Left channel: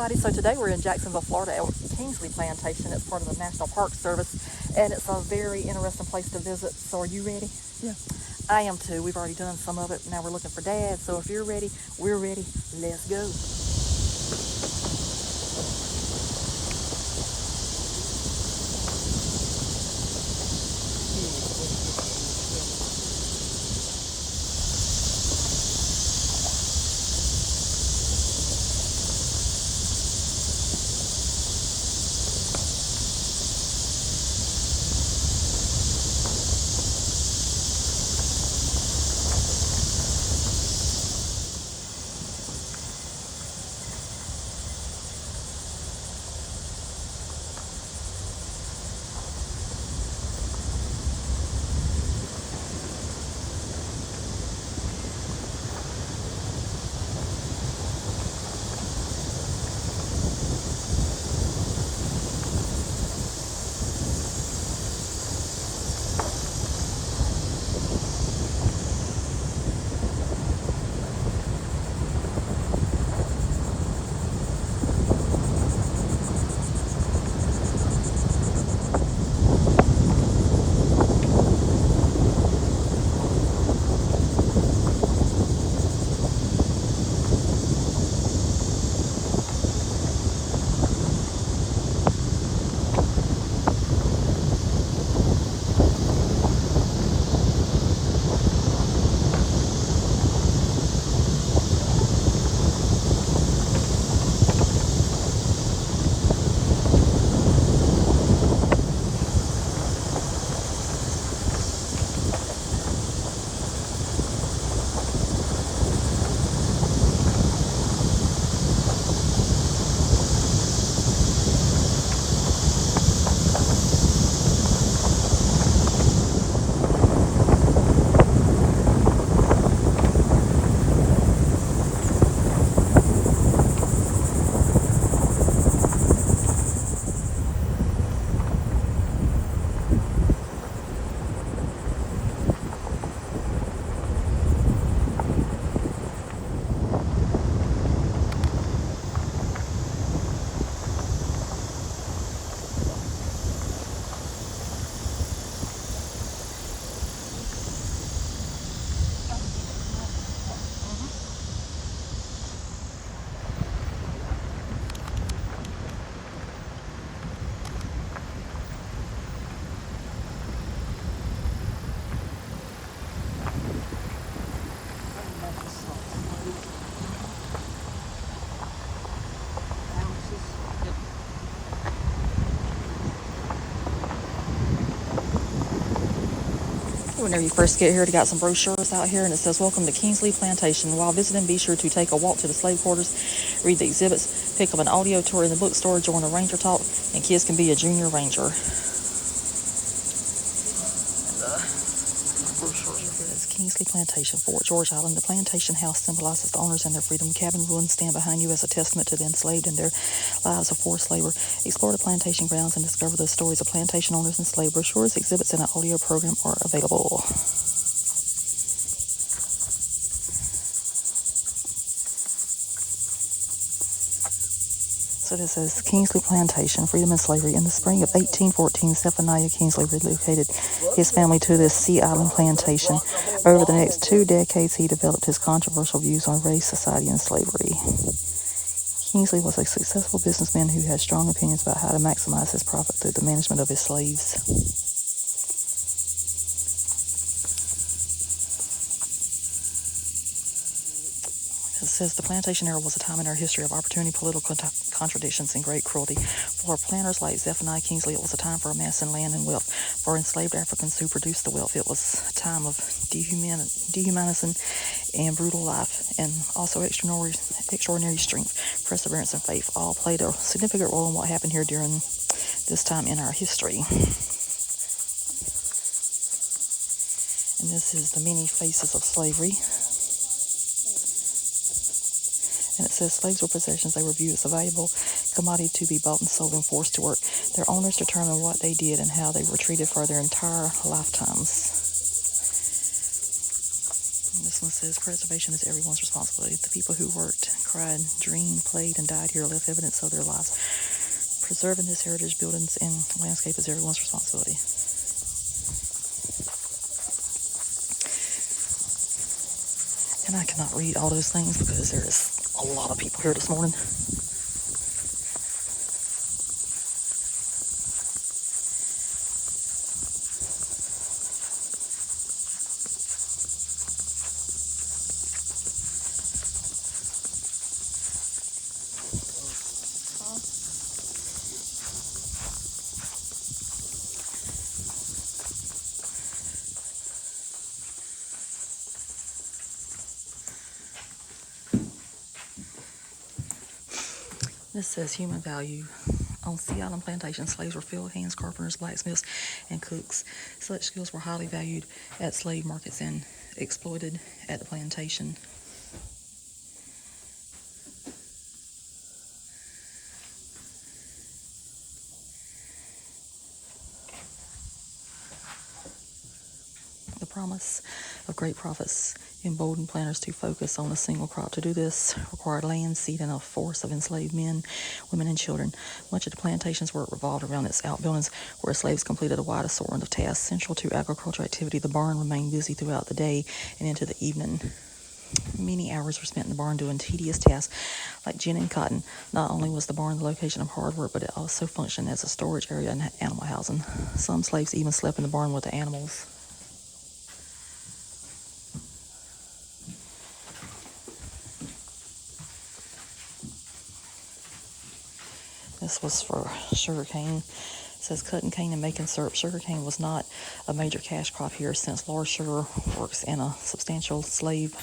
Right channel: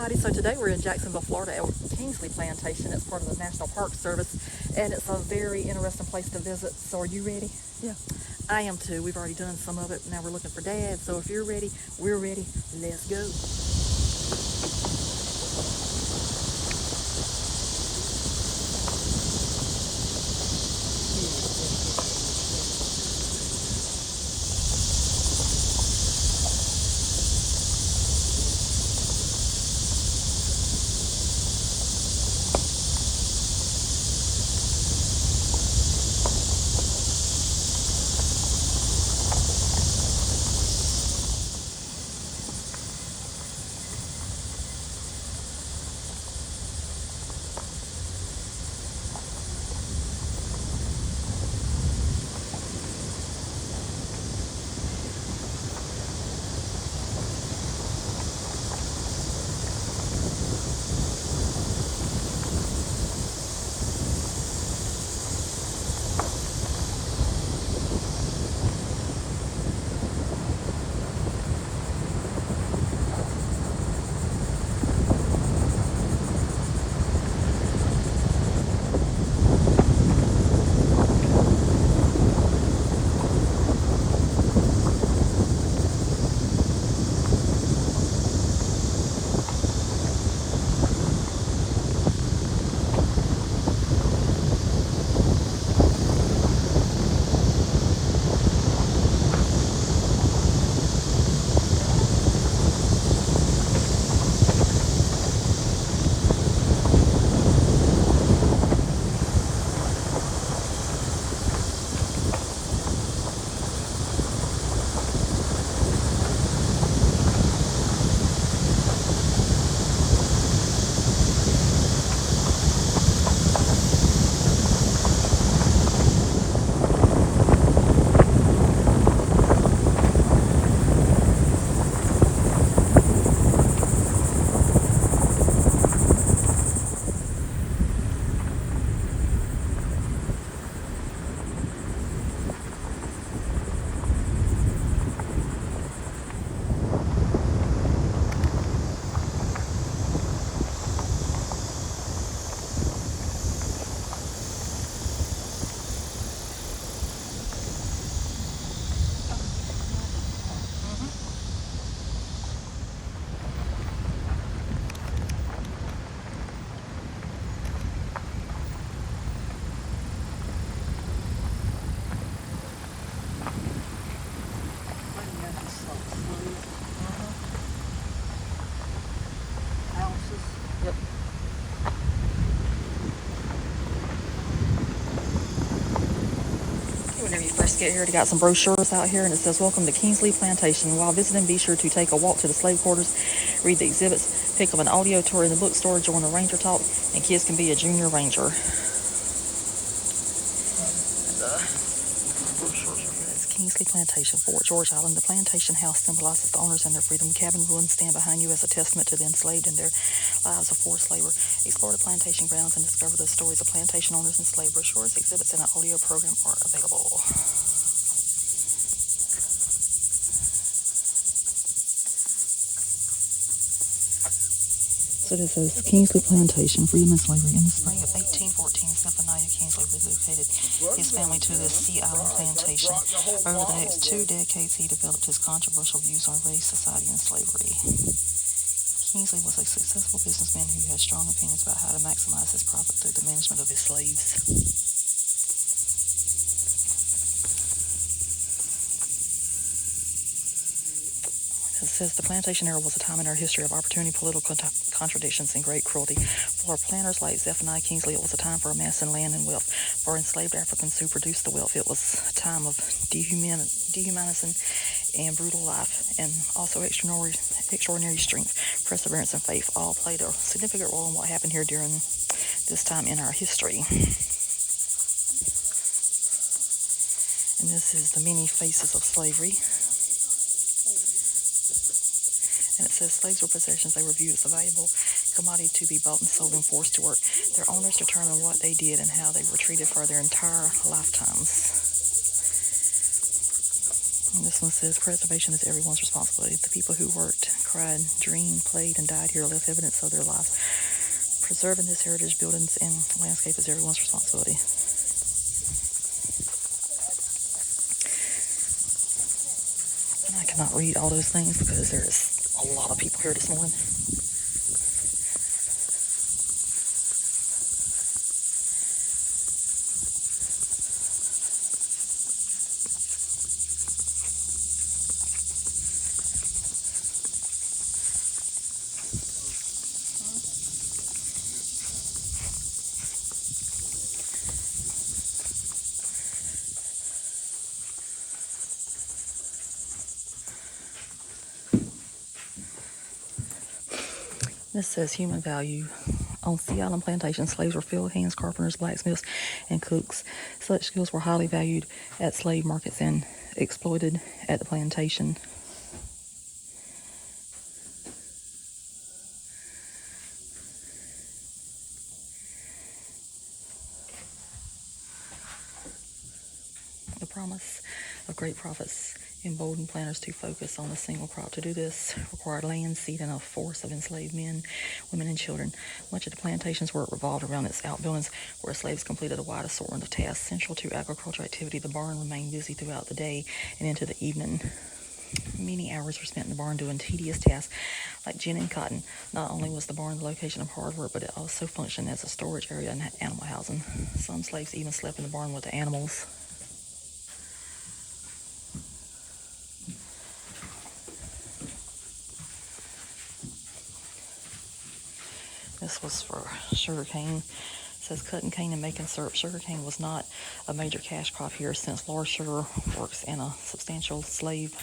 everybody. So today we're in Jacksonville, Florida at Kingsley Plantation. It's part of the National Park Service, and it's a very interesting place to visit. So are you ready? Yeah. I am too. We've already done some of it. Now we're looking for Dad. So if you're ready, we're ready. Let's go. Whenever you first get here, they got some brochures out here, and it says, "Welcome to Kingsley Plantation. While visiting, be sure to take a walk to the slave quarters, read the exhibits, pick up an audio tour in the bookstore, join a ranger talk, and kids can be a junior ranger." And the brochures are here. It's Kingsley Plantation, Fort George Island. The plantation house symbolizes the owners and their freedom. Cabin ruins stand behind you as a testament to the enslaved and their lives of forced labor. Explore the plantation grounds and discover the stories of plantation owners and slave. Brochures, exhibits, and an audio program are available. So this is Kingsley Plantation, Freedom and Slavery. In the spring of 1814, Zephaniah Kingsley relocated his family to this Sea Island plantation. Over the next 2 decades, he developed his controversial views on race, society, and slavery. Kingsley was a successful businessman who had strong opinions about how to maximize his profit through the management of his slaves. It says the plantation era was a time in our history of opportunity, political contradictions, and great cruelty. For planters like Zephaniah Kingsley, it was a time for amassing land and wealth. For enslaved Africans who produced the wealth, it was a time of dehumanizing and brutal life, and also extraordinary strength, perseverance, and faith all played a significant role in what happened here during this time in our history. And this is the many faces of slavery. And it says slaves were possessions. They were viewed as a valuable commodity to be bought and sold and forced to work. Their owners determined what they did and how they were treated for their entire lifetimes. And this one says, preservation is everyone's responsibility. The people who worked, cried, dreamed, played, and died here left evidence of their lives. Preserving this heritage, buildings, and landscape is everyone's responsibility. And I cannot read all those things because there is a lot of people here this morning. This says human value. On Sea Island plantation, slaves were field hands, carpenters, blacksmiths, and cooks. Such skills were highly valued at slave markets and exploited at the plantation. The promise of great profits emboldened planters to focus on a single crop. To do this required land, seed, and a force of enslaved men, women, and children. Much of the plantation's work revolved around its outbuildings, where slaves completed a wide assortment of tasks central to agricultural activity. The barn remained busy throughout the day and into the evening. Many hours were spent in the barn doing tedious tasks like ginning cotton. Not only was the barn the location of hard work, but it also functioned as a storage area and animal housing. Some slaves even slept in the barn with the animals. This was for sugarcane. It says cutting cane and making syrup. Sugarcane was not a major cash crop here, since large sugar works and a substantial slave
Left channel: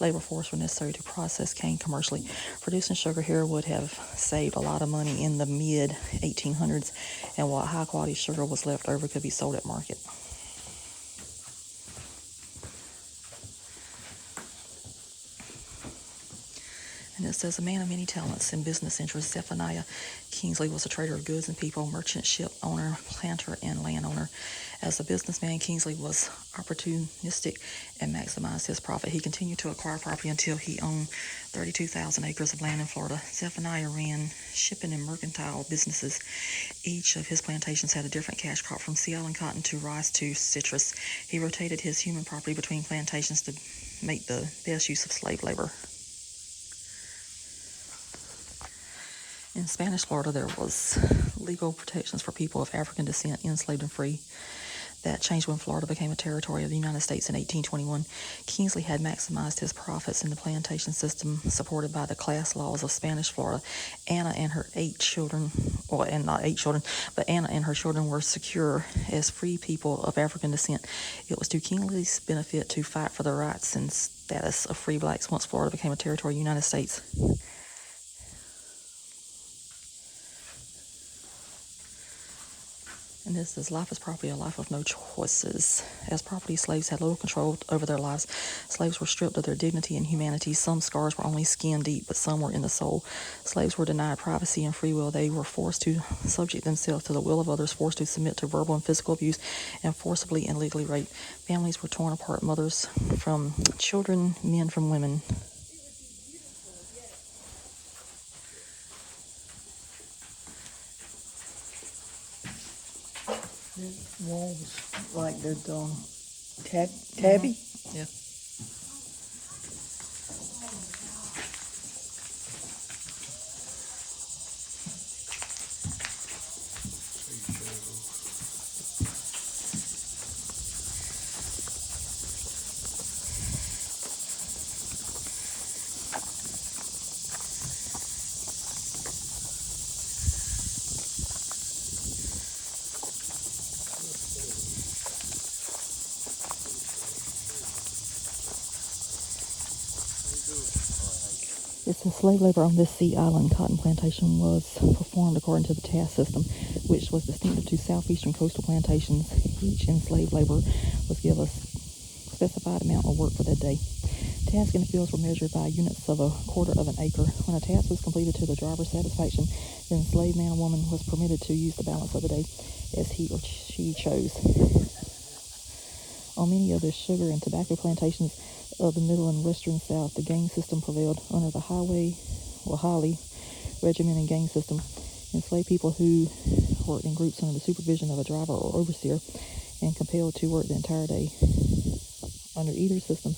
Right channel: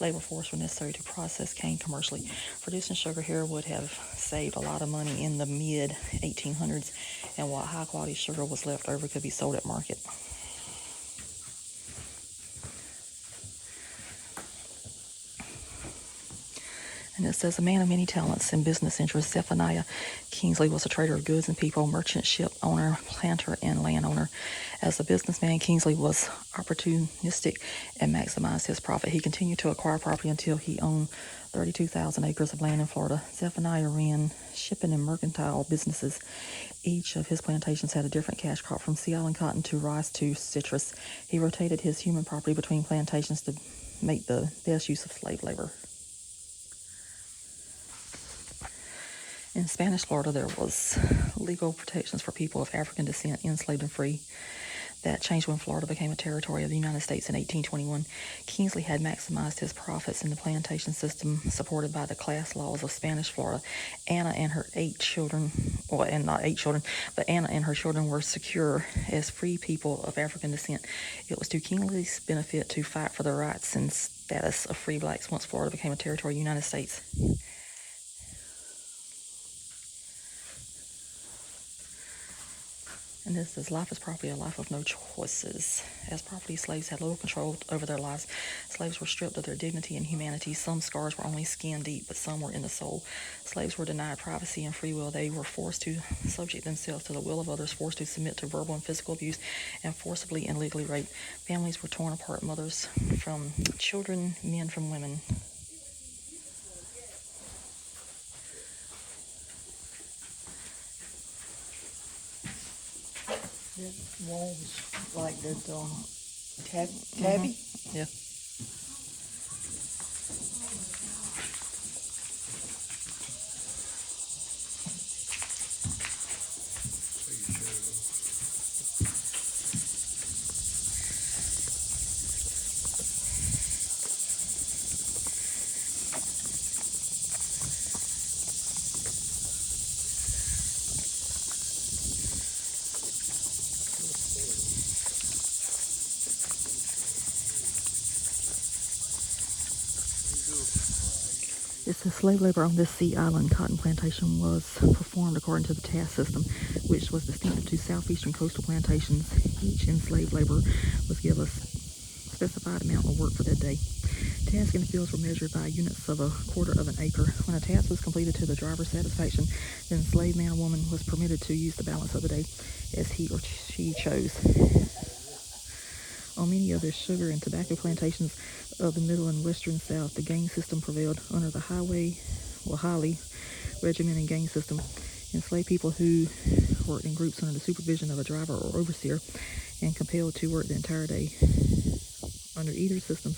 labor force were necessary to process cane commercially. Producing sugar here would have saved a lot of money in the mid-1800s, and what high-quality sugar was left over could be sold at market. And it says, a man of many talents and business interests, Zephaniah Kingsley was a trader of goods and people, merchant, ship owner, planter, and landowner. As a businessman, Kingsley was opportunistic and maximized his profit. He continued to acquire property until he owned 32,000 acres of land in Florida. Zephaniah ran shipping and mercantile businesses. Each of his plantations had a different cash crop, from Sea Island cotton to rice to citrus. He rotated his human property between plantations to make the best use of slave labor. In Spanish Florida, there was legal protections for people of African descent, enslaved and free. That changed when Florida became a territory of the United States in 1821. Kingsley had maximized his profits in the plantation system, supported by the class laws of Spanish Florida. Anna and her 8 children, and not 8 children, but Anna and her children were secure as free people of African descent. It was to Kingsley's benefit to fight for the rights and status of free blacks once Florida became a territory of the United States. And this is, life is property, a life of no choices. As property, slaves had little control over their lives. Slaves were stripped of their dignity and humanity. Some scars were only skin deep, but some were in the soul. Slaves were denied privacy and free will. They were forced to subject themselves to the will of others, forced to submit to verbal and physical abuse, and forcibly and legally raped. Families were torn apart, mothers from children, men from women. Yeah, it's like the tabby. Yeah. It says slave labor on this Sea Island cotton plantation was performed according to the task system, which was distinctive to southeastern coastal plantations. Each enslaved laborer was given a specified amount of work for that day. Tasks in the fields were measured by units of a quarter of an acre. When a task was completed to the driver's satisfaction, the enslaved man or woman was permitted to use the balance of the day as he or she chose. On many of the sugar and tobacco plantations of the middle and western South, the gang system prevailed under the highly regimented gang system. Enslaved people who worked in groups under the supervision of a driver or overseer and compelled to work the entire day. Under either system,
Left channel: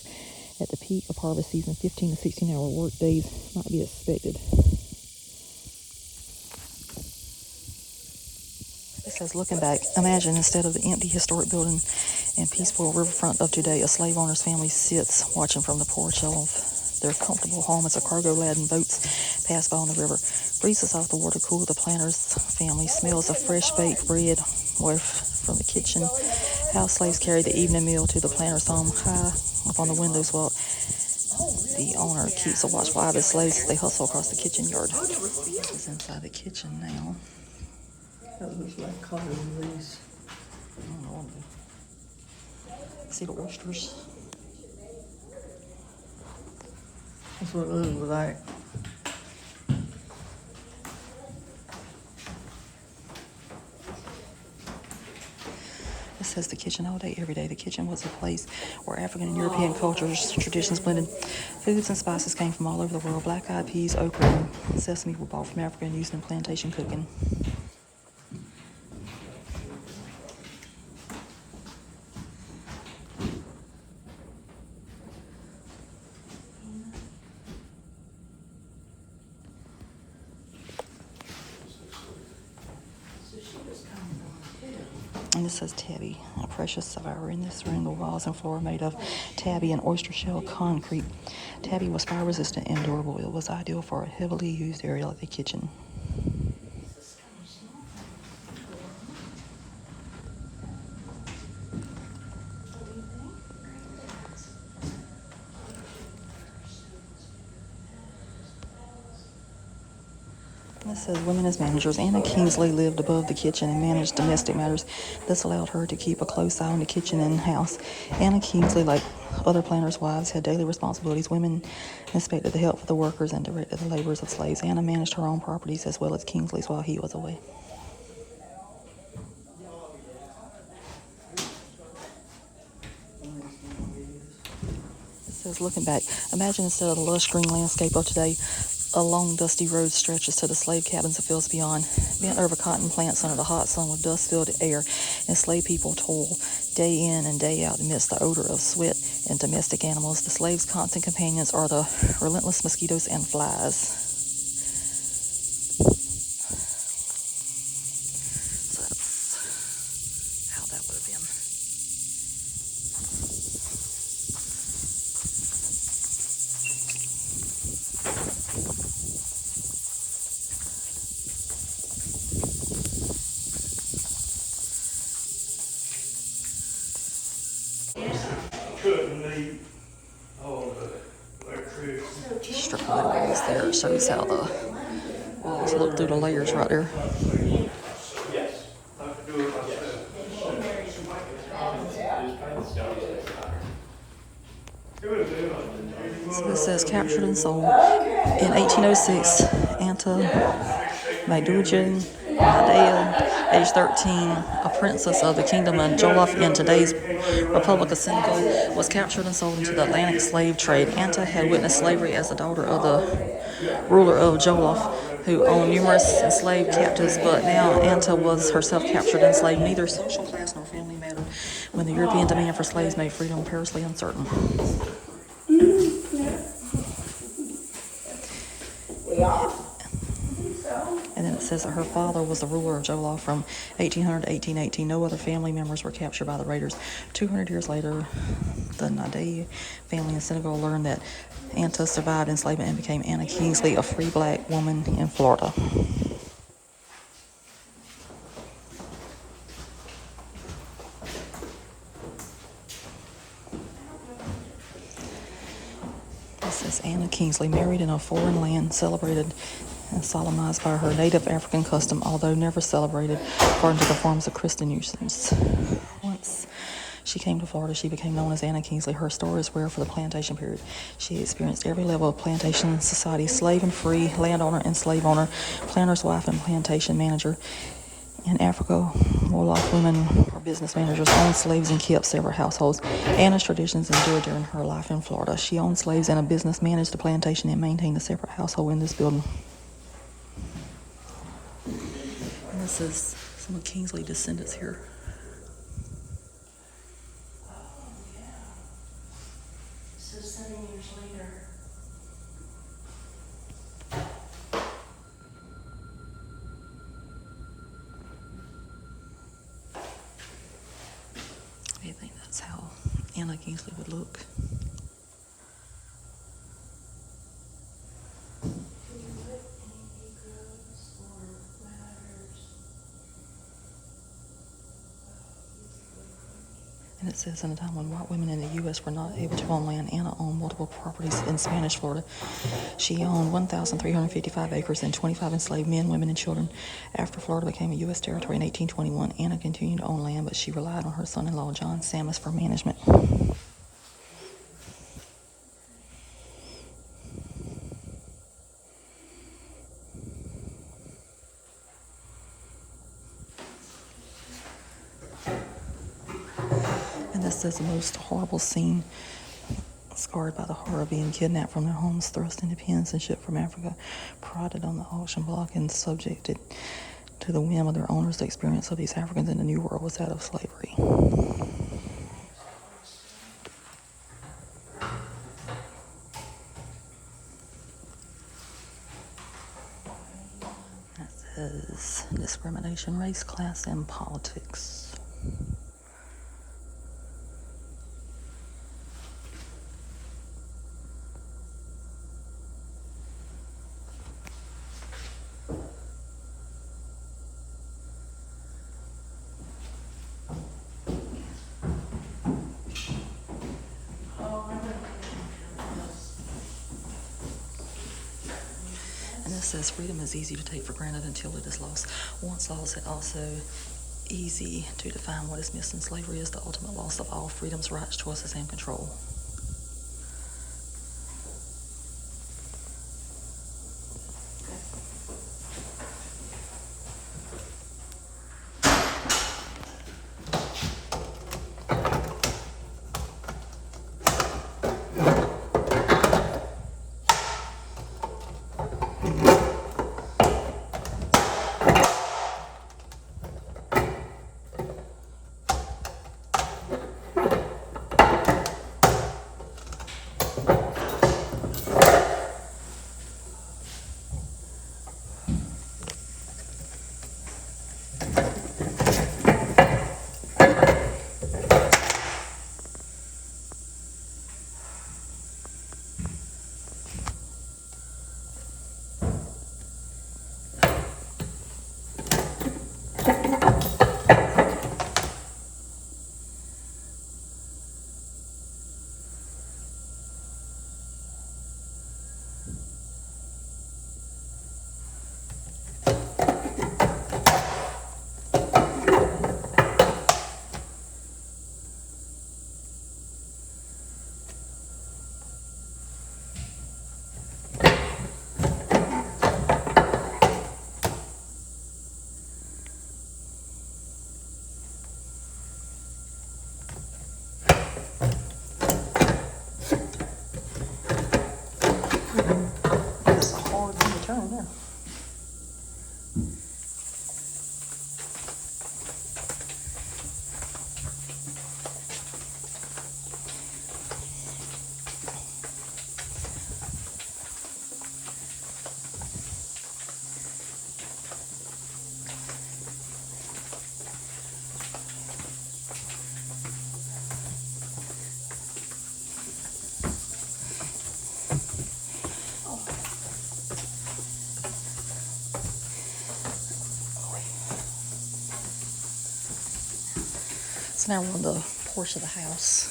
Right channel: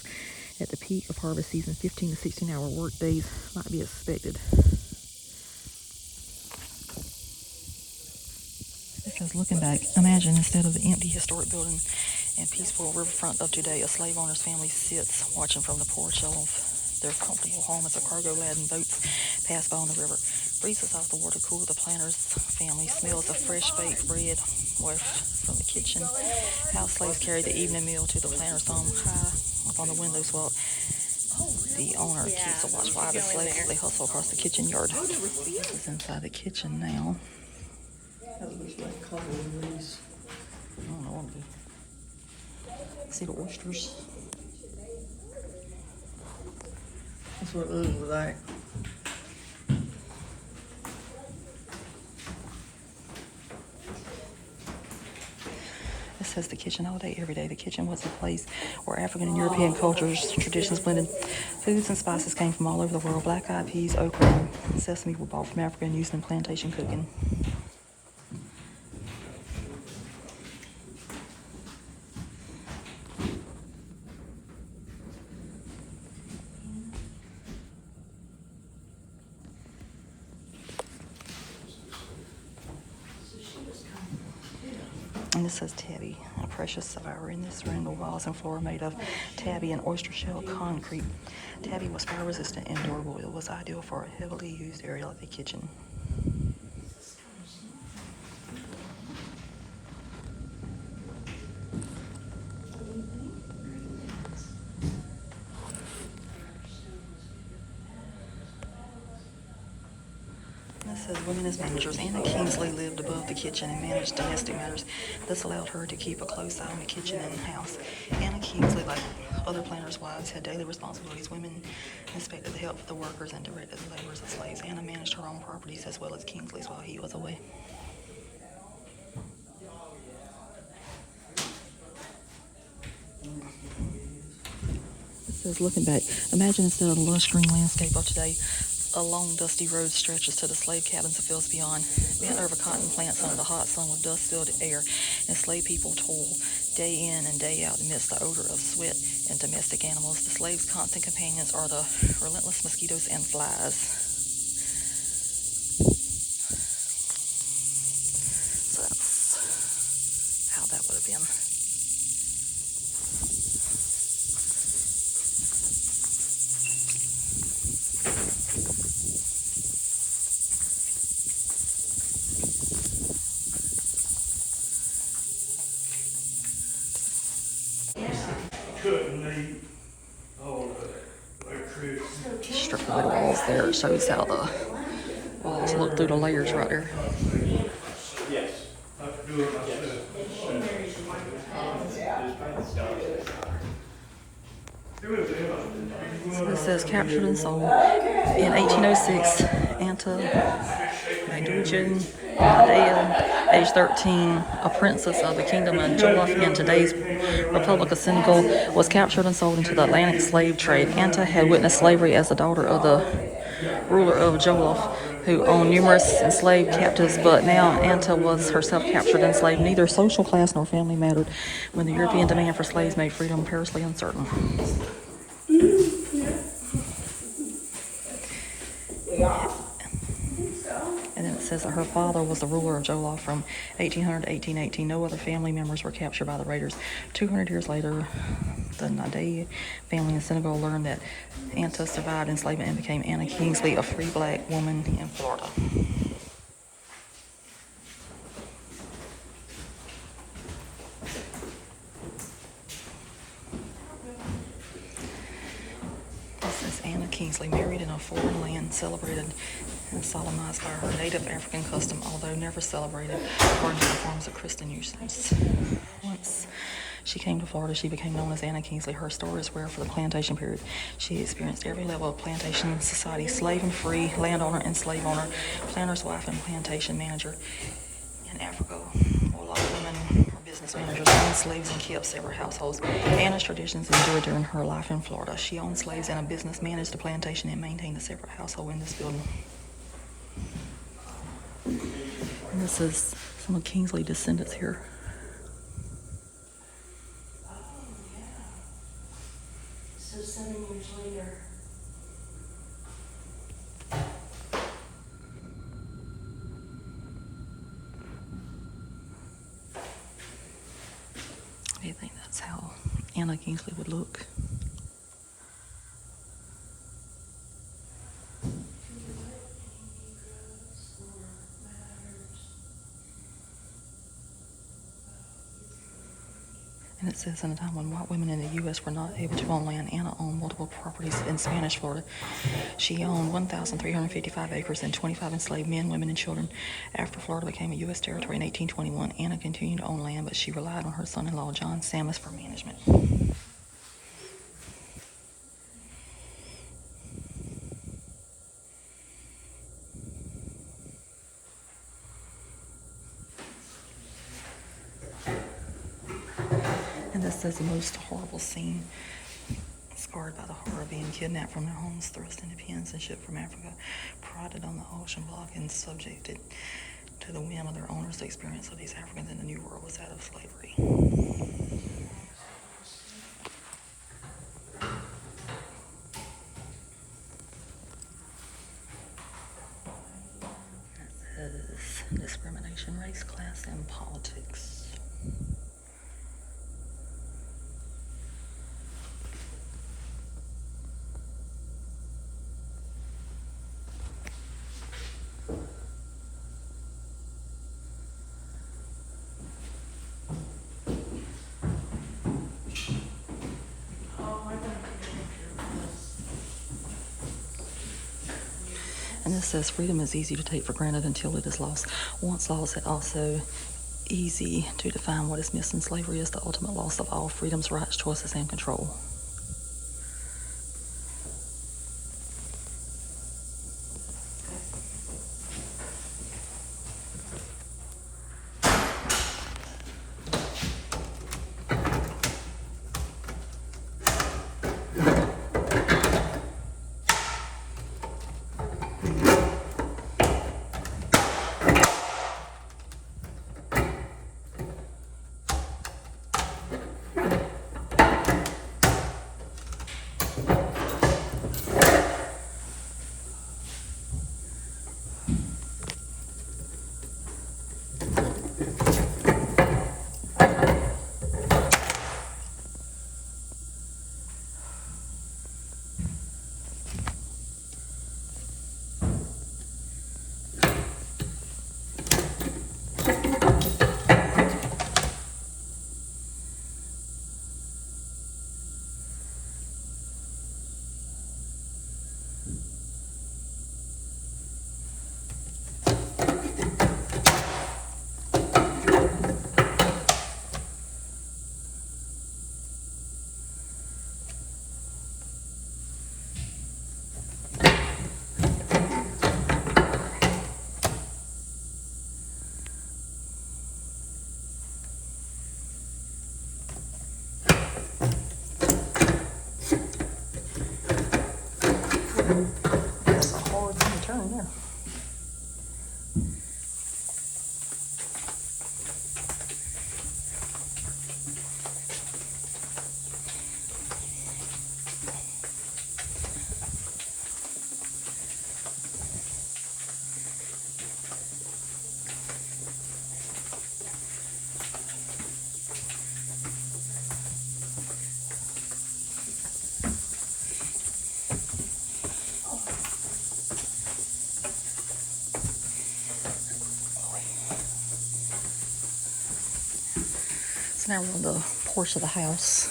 at the peak of harvest season, 15 to 16-hour work days might be expected. It says, looking back, imagine instead of the empty historic building and peaceful riverfront of today, a slave owner's family sits watching from the porch of their comfortable home as a cargo-laden boats pass by on the river. Breezes off the water cool the planter's family. Smells of fresh baked bread waft from the kitchen. How slaves carried the evening meal to the planter's home. High up on the windows while the owner keeps a watchful eye of his slaves as they hustle across the kitchen yard. It's inside the kitchen now. That looks like cold grease. I don't know. See the oysters? That's what it looks like. It says the kitchen all day, every day. The kitchen was a place where African and European cultures and traditions blended. Foods and spices came from all over the world. Black-eyed peas, okra, and sesame were bought from Africa and used in plantation cooking. And this says tabby, a precious survivor. In this room, the walls and floor are made of tabby and oyster shell concrete. Tabby was fire resistant and durable. It was ideal for a heavily used area like the kitchen. It says women as managers. Anna Kingsley lived above the kitchen and managed domestic matters. This allowed her to keep a close eye on the kitchen and house. Anna Kingsley, like other planters' wives, had daily responsibilities. Women inspected the health of the workers and directed the labors of slaves. Anna managed her own properties as well as Kingsley's while he was away. It says, looking back, imagine instead of the lush green landscape of today, a long dusty road stretches to the slave cabins of fields beyond. Bent over cotton plants under the hot sun with dust-filled air, enslaved people toil day in and day out amidst the odor of sweat and domestic animals. The slaves' constant companions are the relentless mosquitoes and flies. So that's how that would have been. Strip away the walls there. It shows how the walls look through the layers right there. So this says captured and sold. In 1806, Anna Nadea, age 13, a princess of the kingdom of Jollof in today's Republic of Senegal, was captured and sold into the Atlantic slave trade. Anna had witnessed slavery as the daughter of the ruler of Jollof, who owned numerous enslaved captives, but now Anna was herself captured and enslaved. Neither social class nor family mattered when the European demand for slaves made freedom perilously uncertain. And then it says that her father was the ruler of Jollof from 1800 to 1818. No other family members were captured by the raiders. 200 years later, the Nadei family in Senegal learned that Anna survived enslavement and became Anna Kingsley, a free black woman in Florida. This is Anna Kingsley, married in a foreign land, celebrated and solemnized by her native African custom, although never celebrated according to the forms of Christian usage. Once she came to Florida, she became known as Anna Kingsley. Her story is rare for the plantation period. She experienced every level of plantation society: slave and free, landowner and slave owner, planter's wife and plantation manager. In Africa, Wolof women or business managers owned slaves and kept several households. Anna's traditions endured during her life in Florida. She owned slaves and a business, managed the plantation, and maintained a separate household in this building. And this is some of Kingsley descendants here. So 7 years later. I think that's how Anna Kingsley would look. And it says, in a time when white women in the U.S. were not able to own land, Anna owned multiple properties in Spanish Florida. She owned 1,355 acres and 25 enslaved men, women, and children. After Florida became a U.S. territory in 1821, Anna continued to own land, but she relied on her son-in-law, John Sammis, for management. And this is the most horrible scene. Scarred by the horror of being kidnapped from their homes, thrust into pens and shipped from Africa, prodded on the auction block, and subjected to the whim of their owners. The experience of these Africans in the New World was that of slavery. That says discrimination, race, class, and politics. And this says freedom is easy to take for granted until it is lost. Once lost, it also easy to define what is missing. Slavery is the ultimate loss of all freedoms, rights, choices, and control. That's a hard thing to turn there. So now we're on the porch of the house.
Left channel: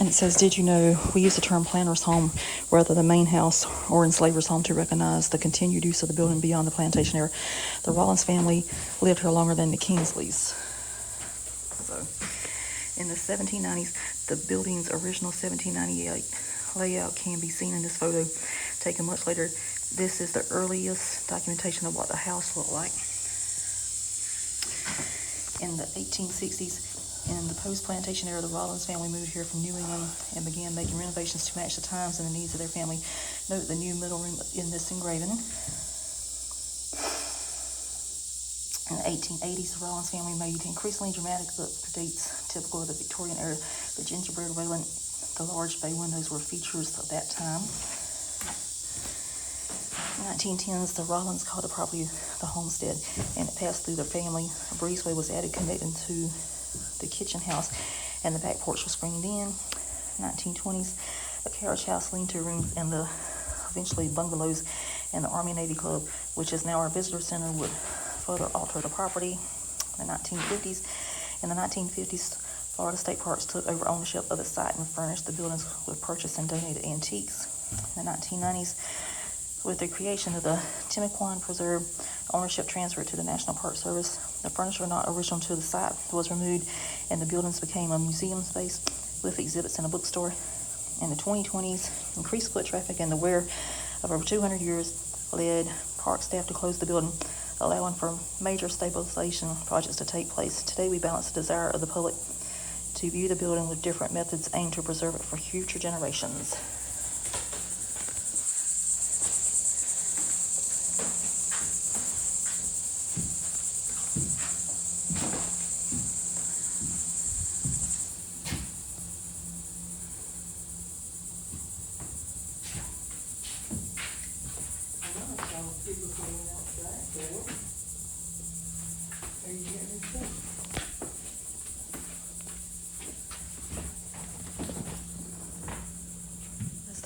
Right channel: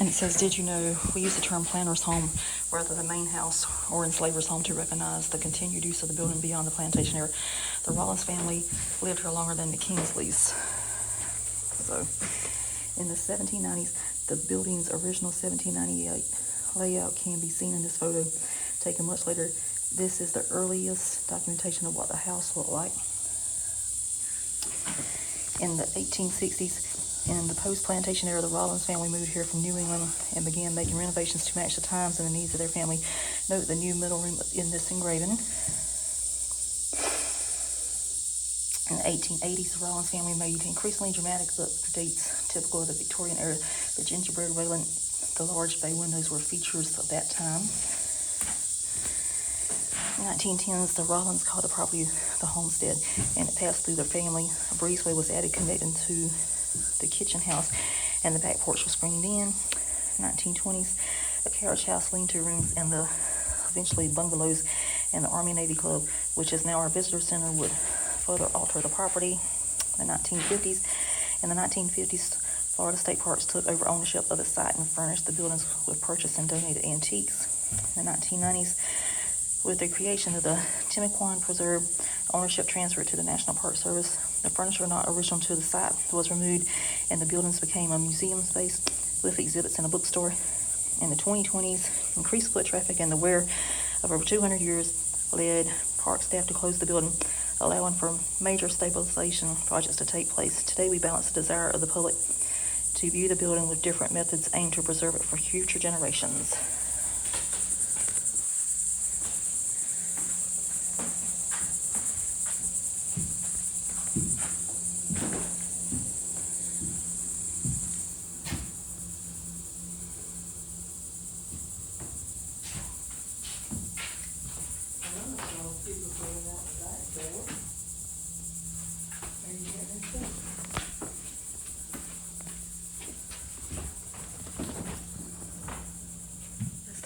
And it says, did you know we use the term planter's home rather than main house or enslaver's home to recognize the continued use of the building beyond the plantation era. The Rollins family lived here longer than the Kingsleys. So in the 1790s, the building's original 1798 layout can be seen in this photo taken much later This is the earliest documentation of what the house looked like. In the 1860s, in the post-plantation era, the Rollins family moved here from New England and began making renovations to match the times and the needs of their family. Note the new middle room in this engraving. In the 1880s, the Rollins family made increasingly dramatic updates typical of the Victorian era. The gingerbread railing, the large bay windows were features of that time. In the 1910s, the Rollins called the property the homestead, and it passed through their family. A breezeway was added connecting to the kitchen house, and the back porch was screened in. 1920s, a carriage house, lean-to rooms, and the eventually bungalows and the Army Navy Club, which is now our visitor center, would further alter the property. In the 1950s, Florida State Parks took over ownership of the site and furnished the buildings with purchased and donated antiques. In the 1990s, with the creation of the Timaquan Preserve, ownership transferred to the National Park Service. The furniture not original to the site was removed, and the buildings became a museum space with exhibits and a bookstore. In the 2020s, increased foot traffic and the wear of over 200 years led park staff to close the building, allowing for major stabilization projects to take place. Today, we balance the desire of the public to view the building with different methods aimed to preserve it for future generations.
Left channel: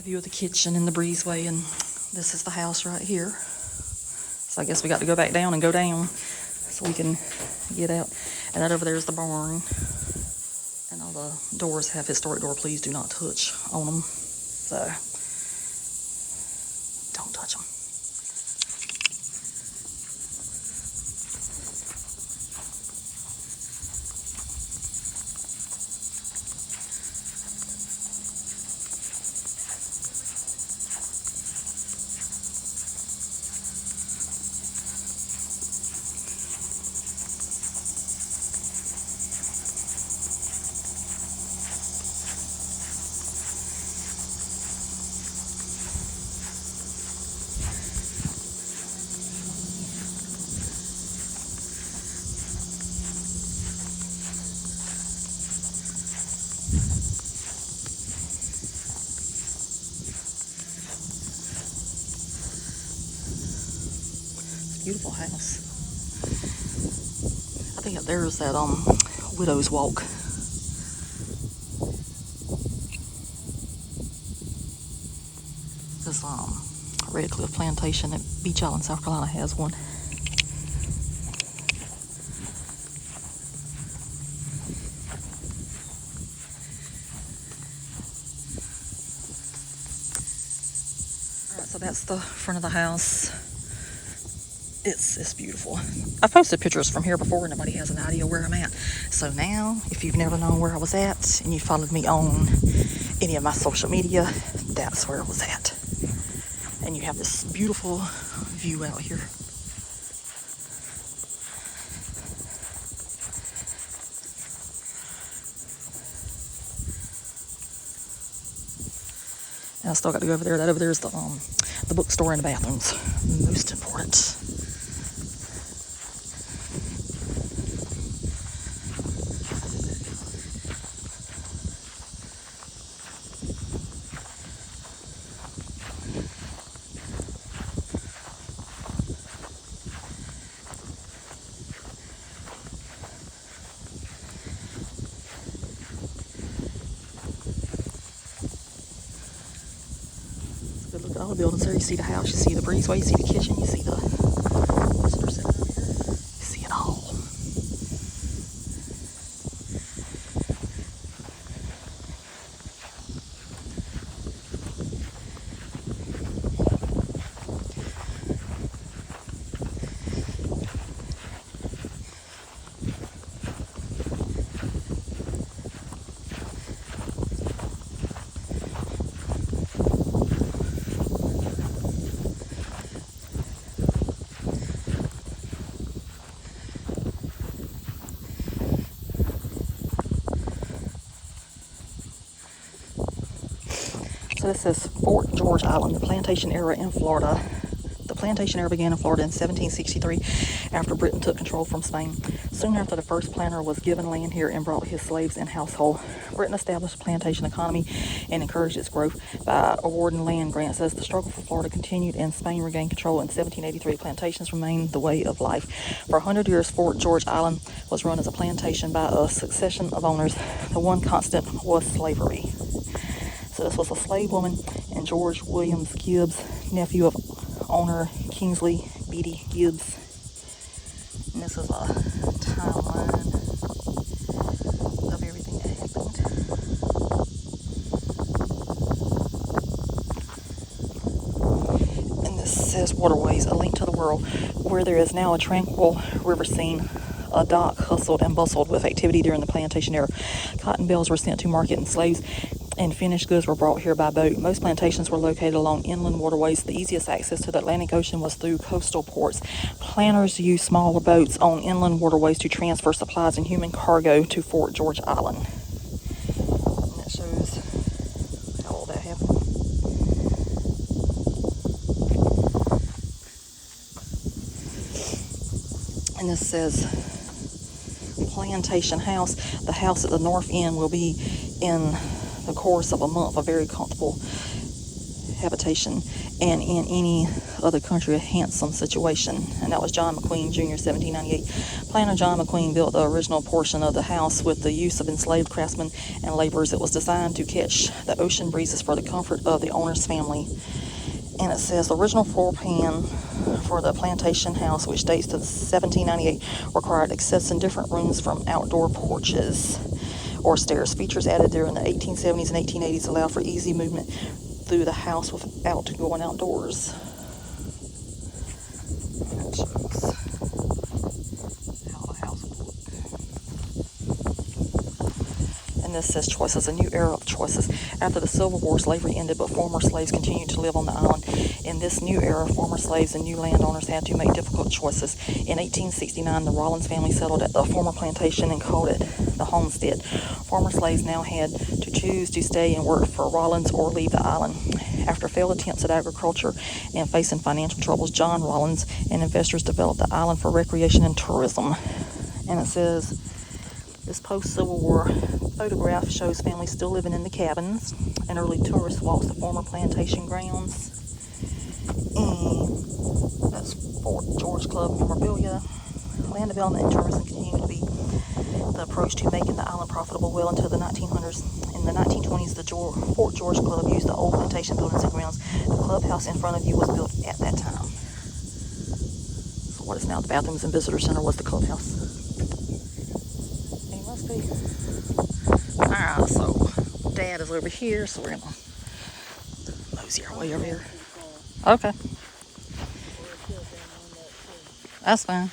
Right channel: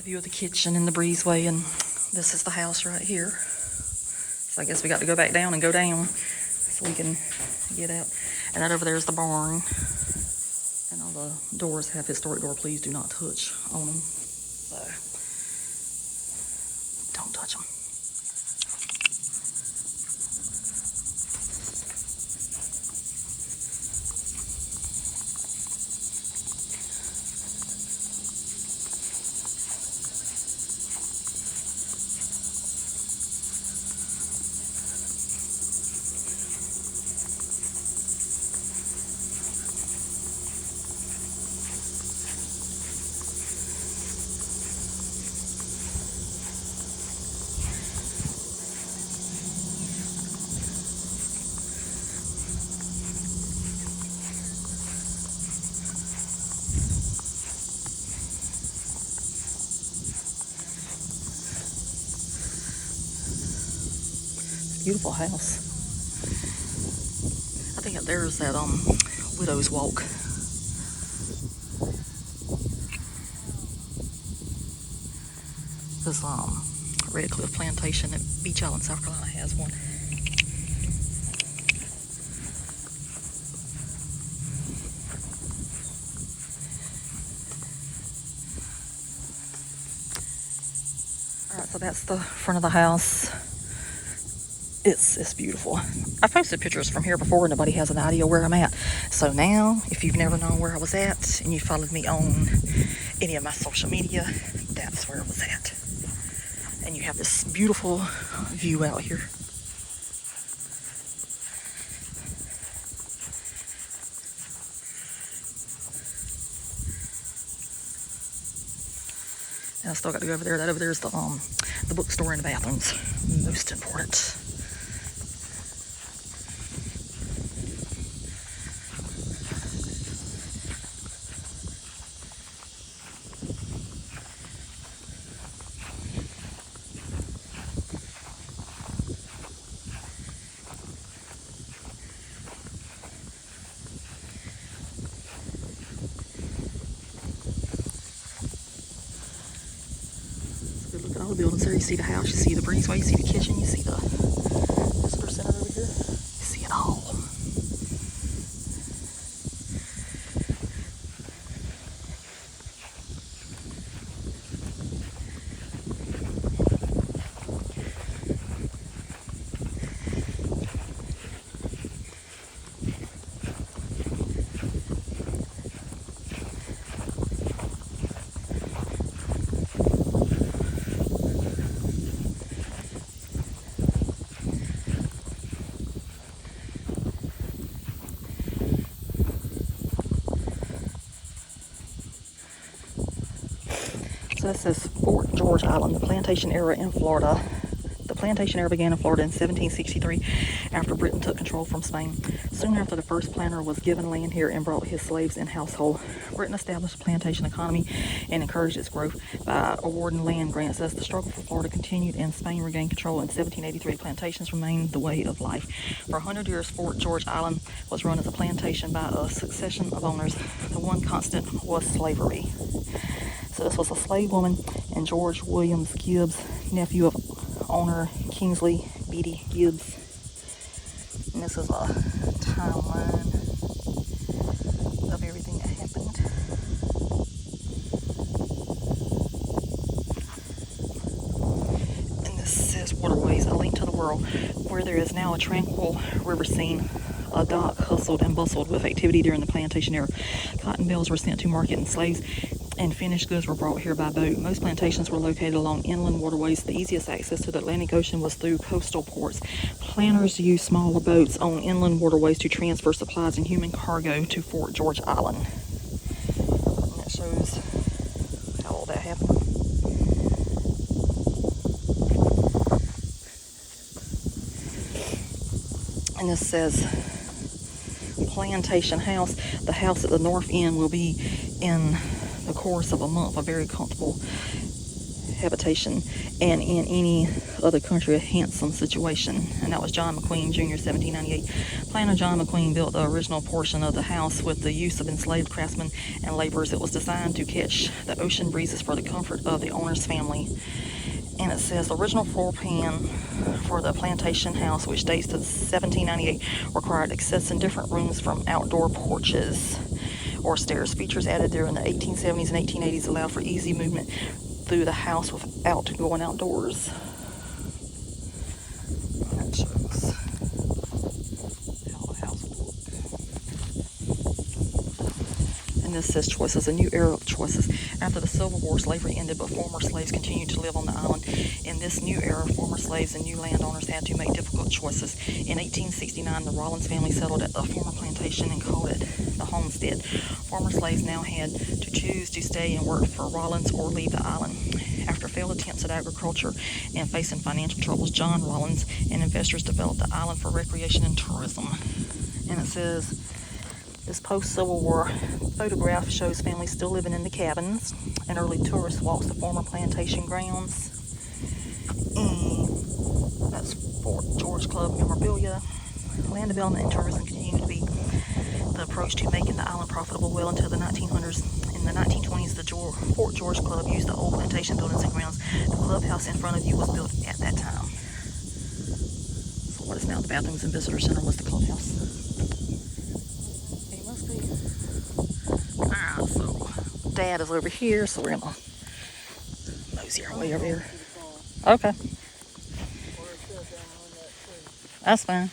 View of the kitchen and the breezeway, and this is the house right here. So I guess we got to go back down and go down so we can get out. And that over there is the barn, and all the doors have historic door please do not touch on them, so don't touch them. Beautiful house. I think up there is that Widow's Walk. This Red Cliff Plantation at Beach Island, South Carolina has one. Alright, so that's the front of the house. It's beautiful. I posted pictures from here before. Nobody has an idea where I'm at. So now, if you've never known where I was at and you followed me on any of my social media, that's where I was at. And you have this beautiful view out here. And I still got to go over there. That over there is the bookstore and the bathrooms. Most important. Look at all the buildings there. You see the house, you see the breezeway, you see the kitchen, you see the visitor center over here. You see it all. So this says Fort George Island, the plantation era in Florida. The plantation era began in Florida in 1763 after Britain took control from Spain. Soon after the first planter was given land here and brought his slaves and household, Britain established a plantation economy and encouraged its growth by awarding land grants. As the struggle for Florida continued and Spain regained control in 1783, plantations remained the way of life. For 100 years, Fort George Island was run as a plantation by a succession of owners. The one constant was slavery. So this was a slave woman and George Williams Gibbs, nephew of owner Kingsley Gibbs. And this is a timeline of everything that happened. And this says Waterways, a link to the world, where there is now a tranquil river scene. A dock hustled and bustled with activity during the plantation era. Cotton bales were sent to market and slaves and finished goods were brought here by boat. Most plantations were located along inland waterways. The easiest access to the Atlantic Ocean was through coastal ports. Planters used smaller boats on inland waterways to transfer supplies and human cargo to Fort George Island. And that shows how all that happened. And this says Plantation House. The house at the north end will be in the course of a month a very comfortable habitation, and in any other country a handsome situation. And that was John McQueen Jr., 1798. Planter John McQueen built the original portion of the house with the use of enslaved craftsmen and laborers. It was designed to catch the ocean breezes for the comfort of the owner's family. And it says the original floor plan for the plantation house, which dates to 1798, required access in different rooms from outdoor porches or stairs. Features added during the 1870s and 1880s allow for easy movement through the house without going outdoors. And that shows how the house would look. And this says choices, a new era of choices. After the Civil War, slavery ended, but former slaves continued to live on the island. In this new era, former slaves and new landowners had to make difficult choices. In 1869, the Rollins family settled at the former plantation and called it the homestead. Former slaves now had to choose to stay and work for Rollins or leave the island. After failed attempts at agriculture and facing financial troubles, John Rollins and investors developed the island for recreation and tourism. And it says, this post-Civil War photograph shows families still living in the cabins and early tourist walks to former plantation grounds. That's Fort George Club memorabilia. Land development and tourism continued to be the approach to making the island profitable well into the 1900s. In the 1920s, the Fort George Club used the old plantation buildings and grounds. The clubhouse in front of you was built at that time. So what is now the bathrooms and visitor center was the clubhouse. It must be. Alright, so Dad is over here, so we're gonna mosey our way over here. Okay. That's fine.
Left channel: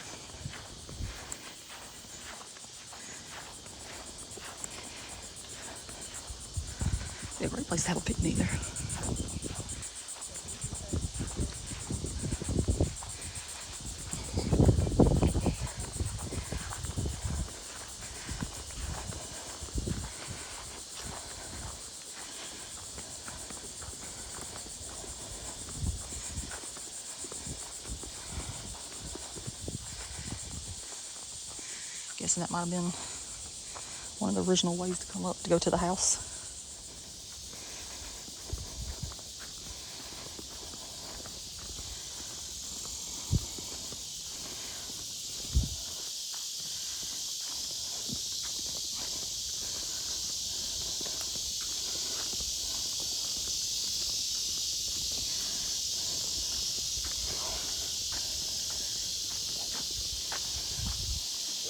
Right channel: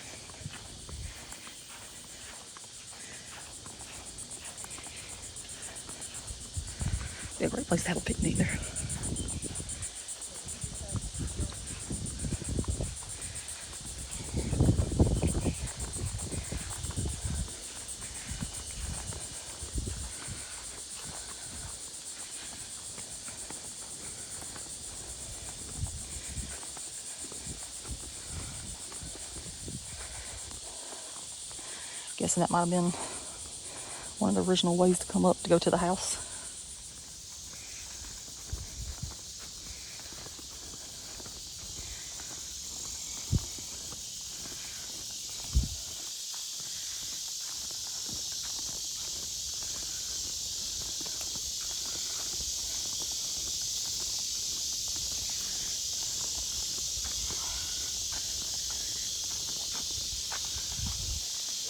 Be a great place to have a picnic there. Guessing that might have been one of the original ways to come up to go to the house.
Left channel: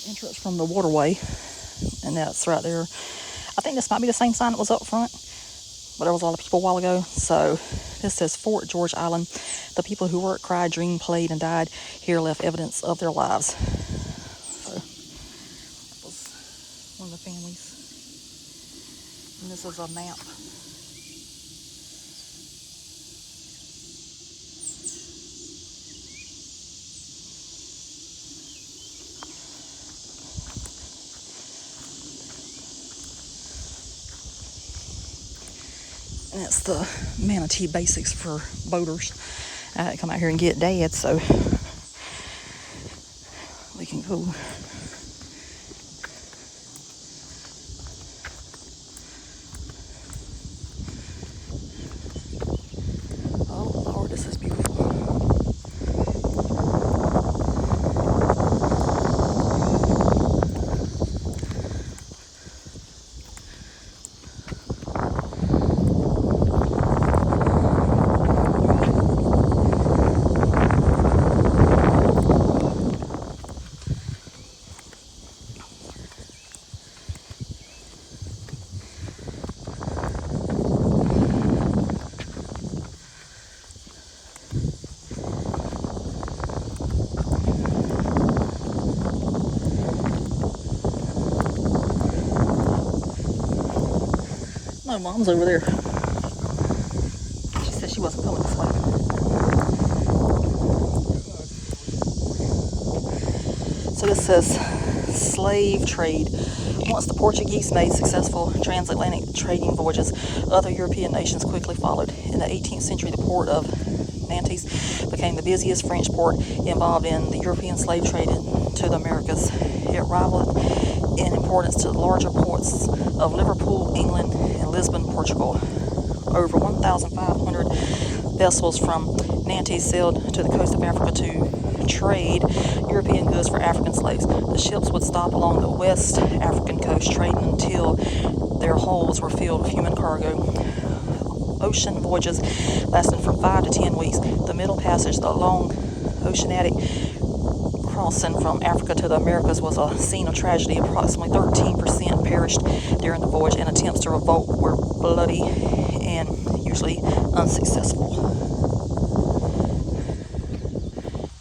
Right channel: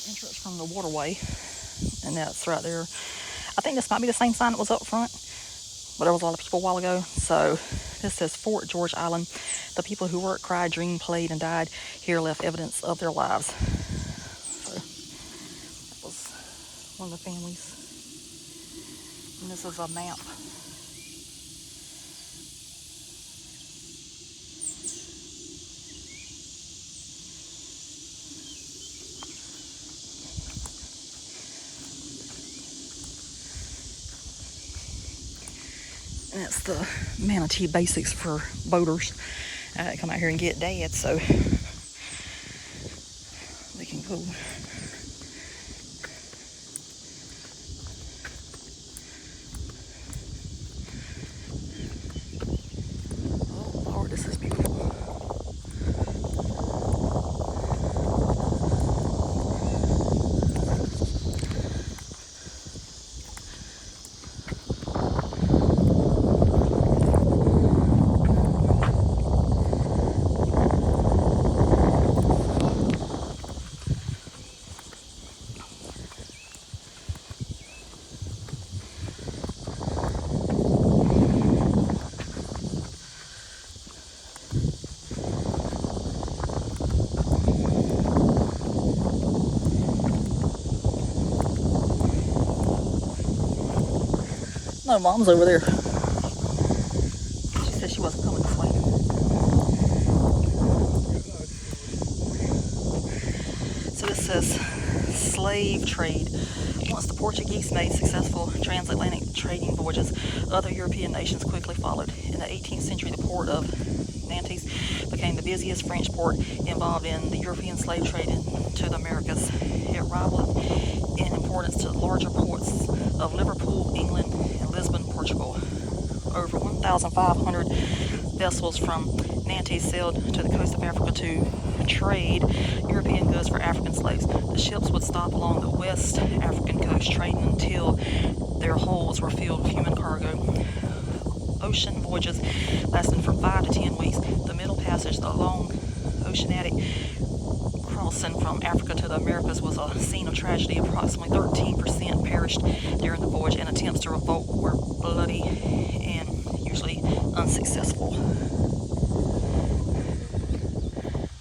Entrance from the waterway, and that's right there. I think this might be the same sign that was up front, but there was a lot of people a while ago. So this says Fort George Island. The people who worked, cried, dreamed, played, and died here left evidence of their lives. So that was one of the families. And this is a map. And that's the Manatee Basics for boaters. I had to come out here and get Dad so we can go. Oh Lord, this is beautiful. No, Mom's over there. She said she wasn't coming this way. So this says slave trade. Once the Portuguese made successful transatlantic trading voyages, other European nations quickly followed. In the 18th century, the port of Nantes became the busiest French port involved in the European slave trade to the Americas. It rivaled in importance to the larger ports of Liverpool, England, and Lisbon, Portugal. Over 1,500 vessels from Nantes sailed to the coast of Africa to trade European goods for African slaves. The ships would stop along the West African coast trading until their hulls were filled with human cargo. Ocean voyages lasted from 5 to 10 weeks. The Middle Passage, the long oceanic crossing from Africa to the Americas, was a scene of tragedy. Approximately 13% perished during the voyage, and attempts to revolt were bloody and usually unsuccessful.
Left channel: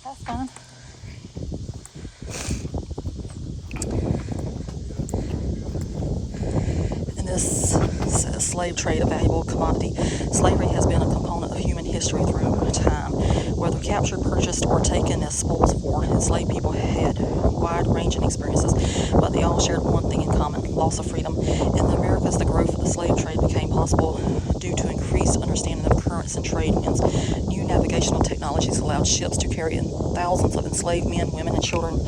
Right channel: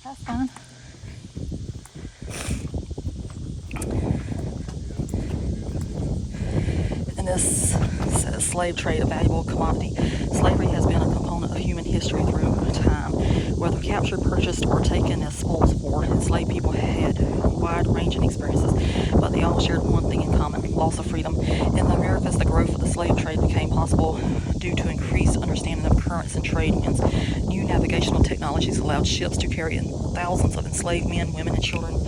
That's fine. And this says slave trade, a valuable commodity. Slavery has been a component of human history through time. Whether captured, purchased, or taken as spoils of war, enslaved people had wide-ranging experiences, but they all shared one thing in common: loss of freedom. In the Americas, the growth of the slave trade became possible due to increased understanding of currents and trade winds. New navigational technologies allowed ships to carry in thousands of enslaved men, women, and children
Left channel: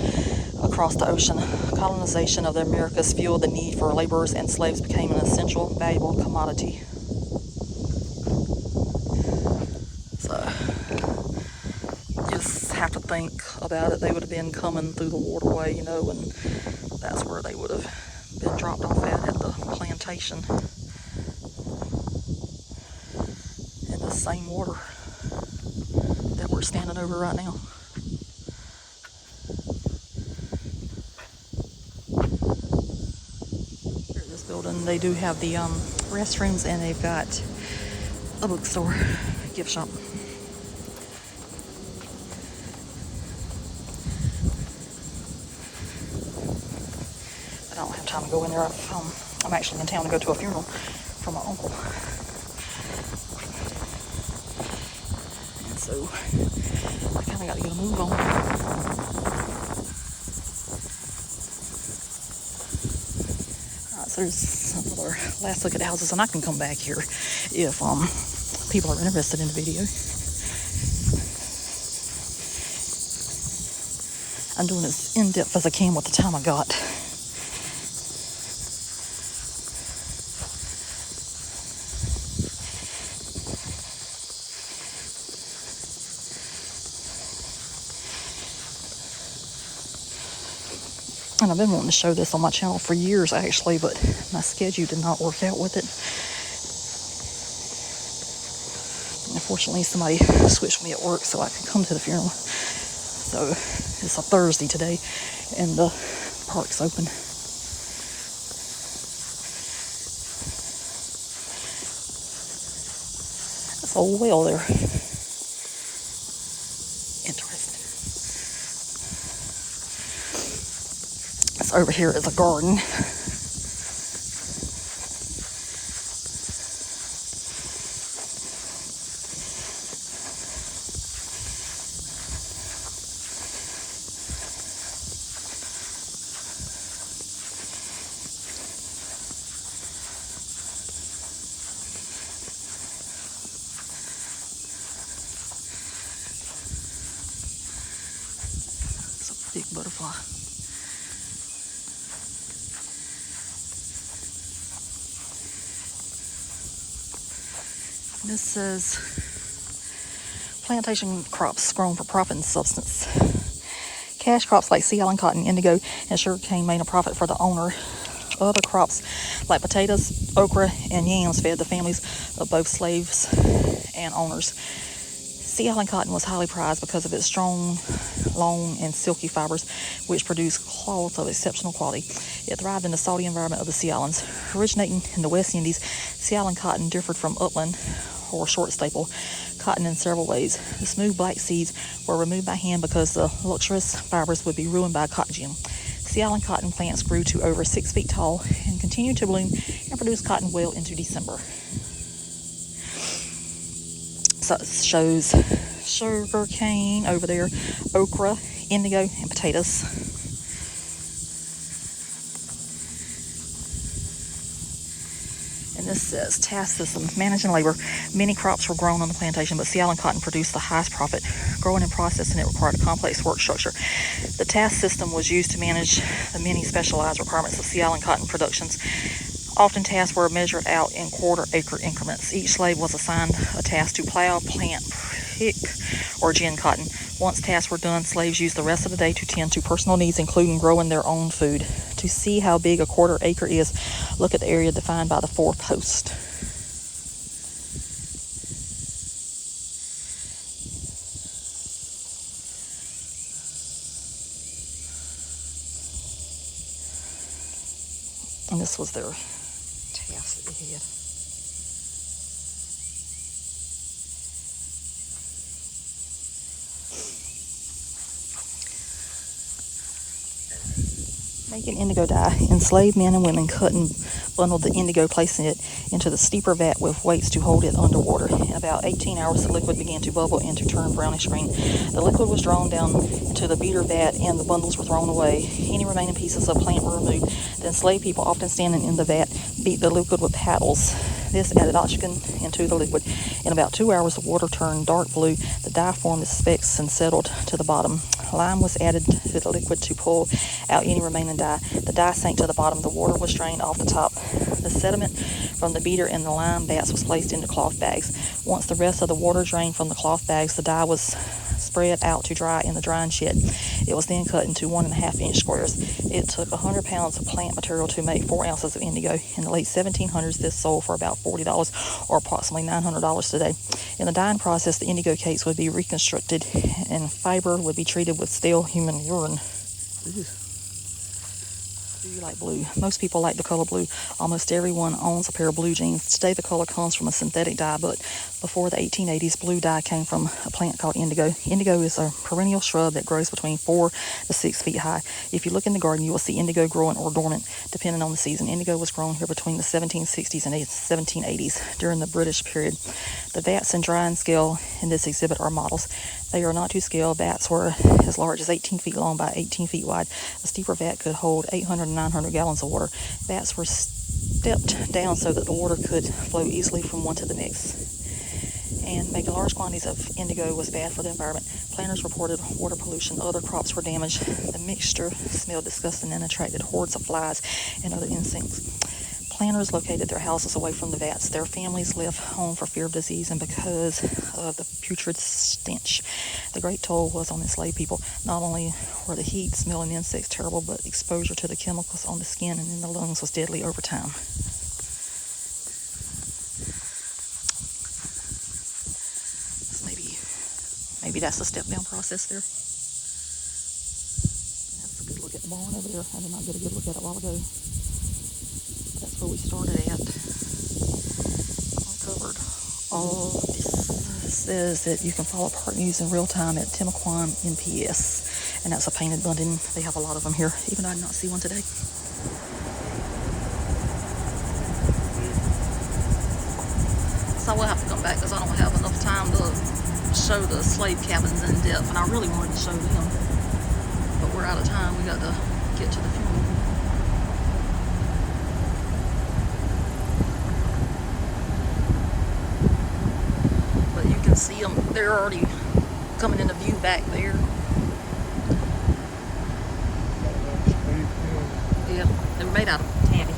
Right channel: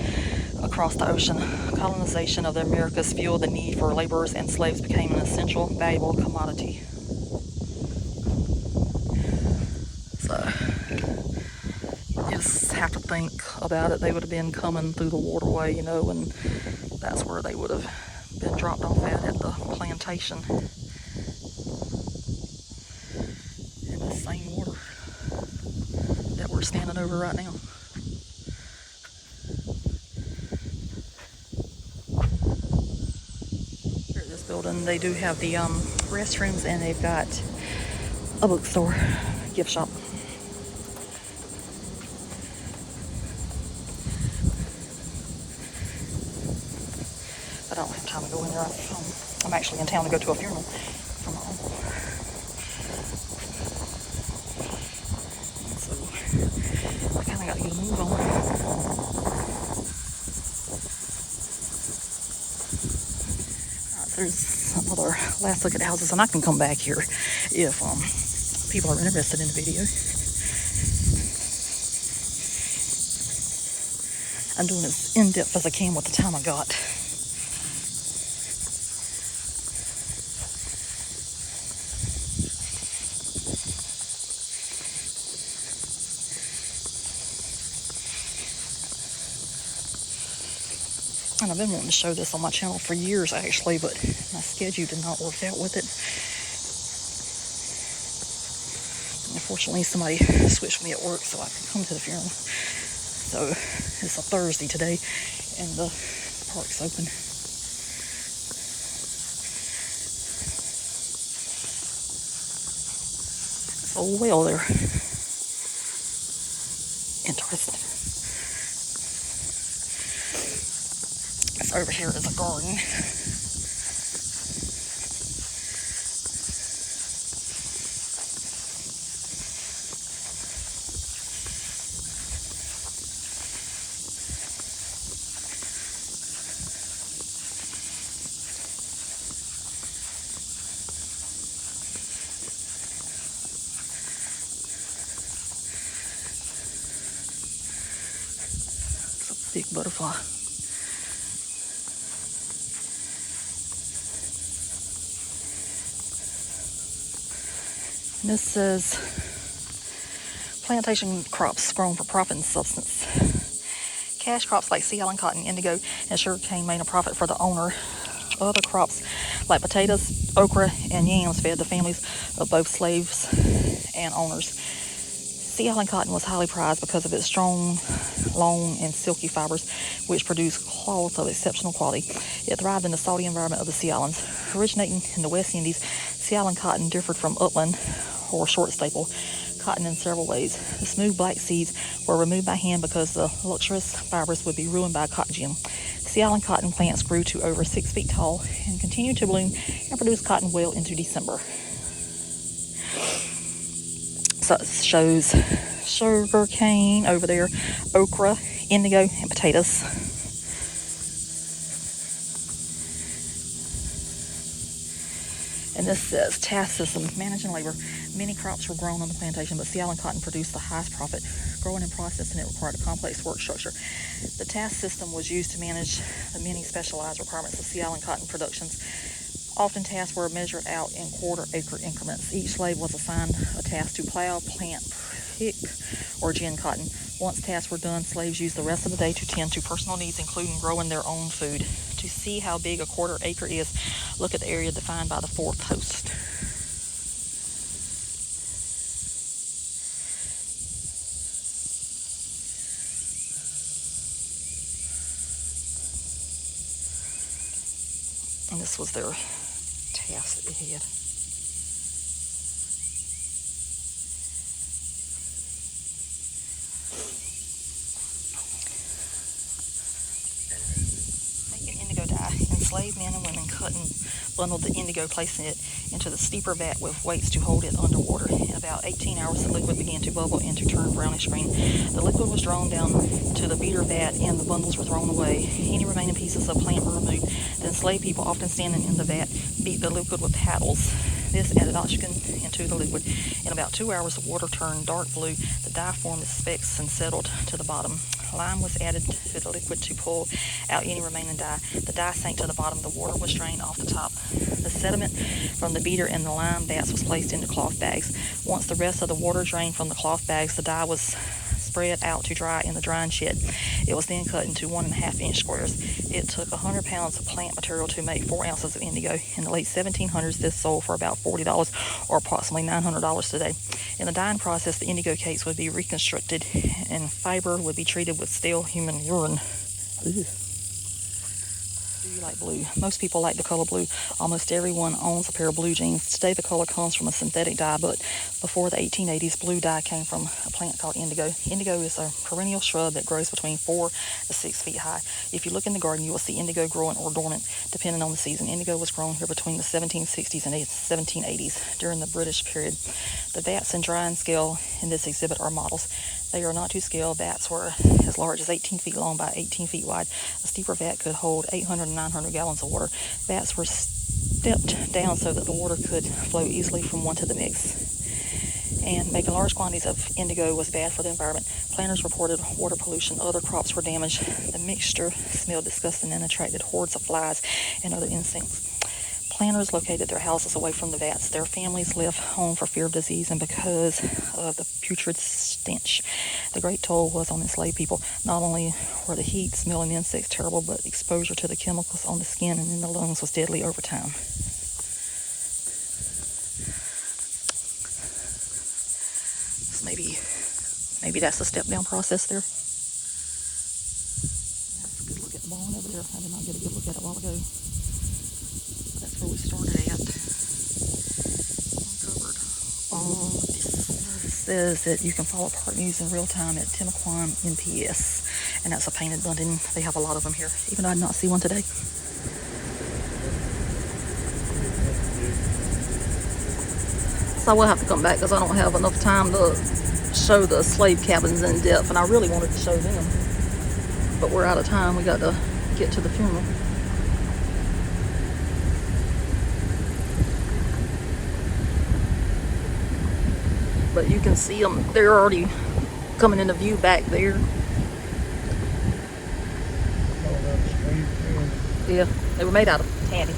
across the ocean. Colonization of the Americas fueled the need for laborers, and slaves became an essential, valuable commodity. So, you just have to think about it. They would have been coming through the waterway, and that's where they would have been dropped off at the plantation. In the same water that we're standing over right now. Here at this building, they do have the restrooms, and they've got a bookstore, gift shop. I don't have time to go in there. I'm actually in town to go to a funeral for my uncle. And so I kind of got to get a move on. Alright, so there's another last look at the houses, and I can come back here if people are interested in the video. I'm doing as in-depth as I can with the time I got. And I've been wanting to show this on my channel for years, actually, but my schedule did not work out with it. Unfortunately, somebody switched me at work so I could come to the funeral. So it's a Thursday today, and the park's open. That's a well there. Interesting. Over here is a garden. big butterfly. And this says plantation crops grown for profit and substance. Cash crops like sea island cotton, indigo, and sugarcane made a profit for the owner. Other crops like potatoes, okra, and yams fed the families of both slaves and owners. Sea island cotton was highly prized because of its strong, long, and silky fibers, which produced cloth of exceptional quality. It thrived in the salty environment of the sea islands. Originating in the West Indies, sea island cotton differed from upland or short staple cotton in several ways. The smooth black seeds were removed by hand because the luxurious fibers would be ruined by cotton gin. Sea island cotton plants grew to over 6 feet tall and continued to bloom and produce cotton well into December. So it shows sugar cane over there, okra, indigo, and potatoes. And this says task system, managing labor. Many crops were grown on the plantation, but sea island cotton produced the highest profit. Growing and processing it required a complex work structure. The task system was used to manage the many specialized requirements of sea island cotton productions. Often tasks were measured out in quarter-acre increments. Each slave was assigned a task to plow, plant, pick, or gin cotton. Once tasks were done, slaves used the rest of the day to tend to personal needs, including growing their own food. To see how big a quarter acre is, look at the area defined by the 4 posts. And this was their task that they had. Making indigo dye. Enslaved men and women cut and bundled the indigo, placing it into the steeper vat with weights to hold it underwater. In about 18 hours, the liquid began to bubble and to turn brownish green. The liquid was drawn down to the beater vat and the bundles were thrown away. Any remaining pieces of plant were removed. The enslaved people, often standing in the vat, beat the liquid with paddles. This added oxygen into the liquid. In about 2 hours, the water turned dark blue. The dye formed its specks and settled to the bottom. Lime was added to the liquid to pull out any remaining dye. The dye sank to the bottom. The water was drained off the top. The sediment from the beater and the lime vats was placed into cloth bags. Once the rest of the water drained from the cloth bags, the dye was spread out to dry in the drying shed. It was then cut into 1.5-inch squares. It took 100 pounds of plant material to make 4 ounces of indigo. In the late 1700s, this sold for about $40 or approximately $900 today. In the dyeing process, the indigo cakes would be reconstructed and fiber would be treated with stale human urine. Ew. Do you like blue? Most people like the color blue. Almost everyone owns a pair of blue jeans. Today the color comes from a synthetic dye, but before the 1880s, blue dye came from a plant called indigo. Indigo is a perennial shrub that grows between 4 to 6 feet high. If you look in the garden, you will see indigo growing or dormant, depending on the season. Indigo was grown here between the 1760s and 1780s during the British period. The vats and drying scale in this exhibit are models. They are not to scale. Vats were as large as 18 feet long by 18 feet wide. A steeper vat could hold 800 and 900 gallons of water. Vats were stepped down so that the water could flow easily from one to the next. And making large quantities of indigo was bad for the environment. Planters reported water pollution. Other crops were damaged. The mixture smelled disgusting and attracted hordes of flies and other insects. Planters located their houses away from the vats. Their families left home for fear of disease and because of the putrid stench. The great toll was on enslaved people. Not only were the heat, smell, and insects terrible, but exposure to the chemicals on the skin and in the lungs was deadly over time. So maybe that's the step down process there. That's a good look at the barn over there. I did not get a good look at it a while ago. That's where we started at. I covered all of this. It says that you can follow park news in real time at Timaquan NPS. And that's a painted button. They have a lot of them here, even though I did not see one today. So I will have to come back because I don't have enough time to show the slave cabins in depth. And I really wanted to show them. But we're out of time. We got to get to the funeral. But you can see them, they're already coming into view back there. Yeah, they were made out of tabby.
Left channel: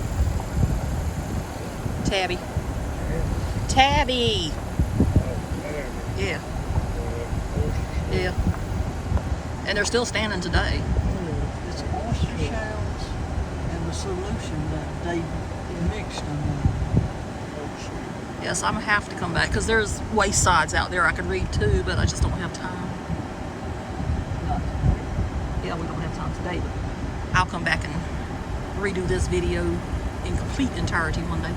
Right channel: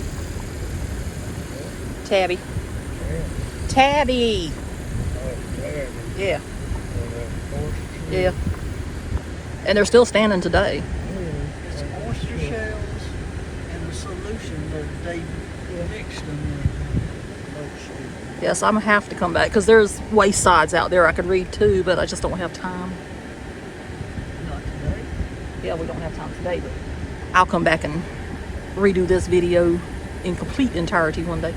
Tabby. Tabby. Yeah. Yeah. And they're still standing today. It's oyster shells and the solution that they mixed them in. Yes, I'm gonna have to come back because there's waste sides out there I could read too, but I just don't have time. Not today. Yeah, we don't have time today, but I'll come back and redo this video in complete entirety one day.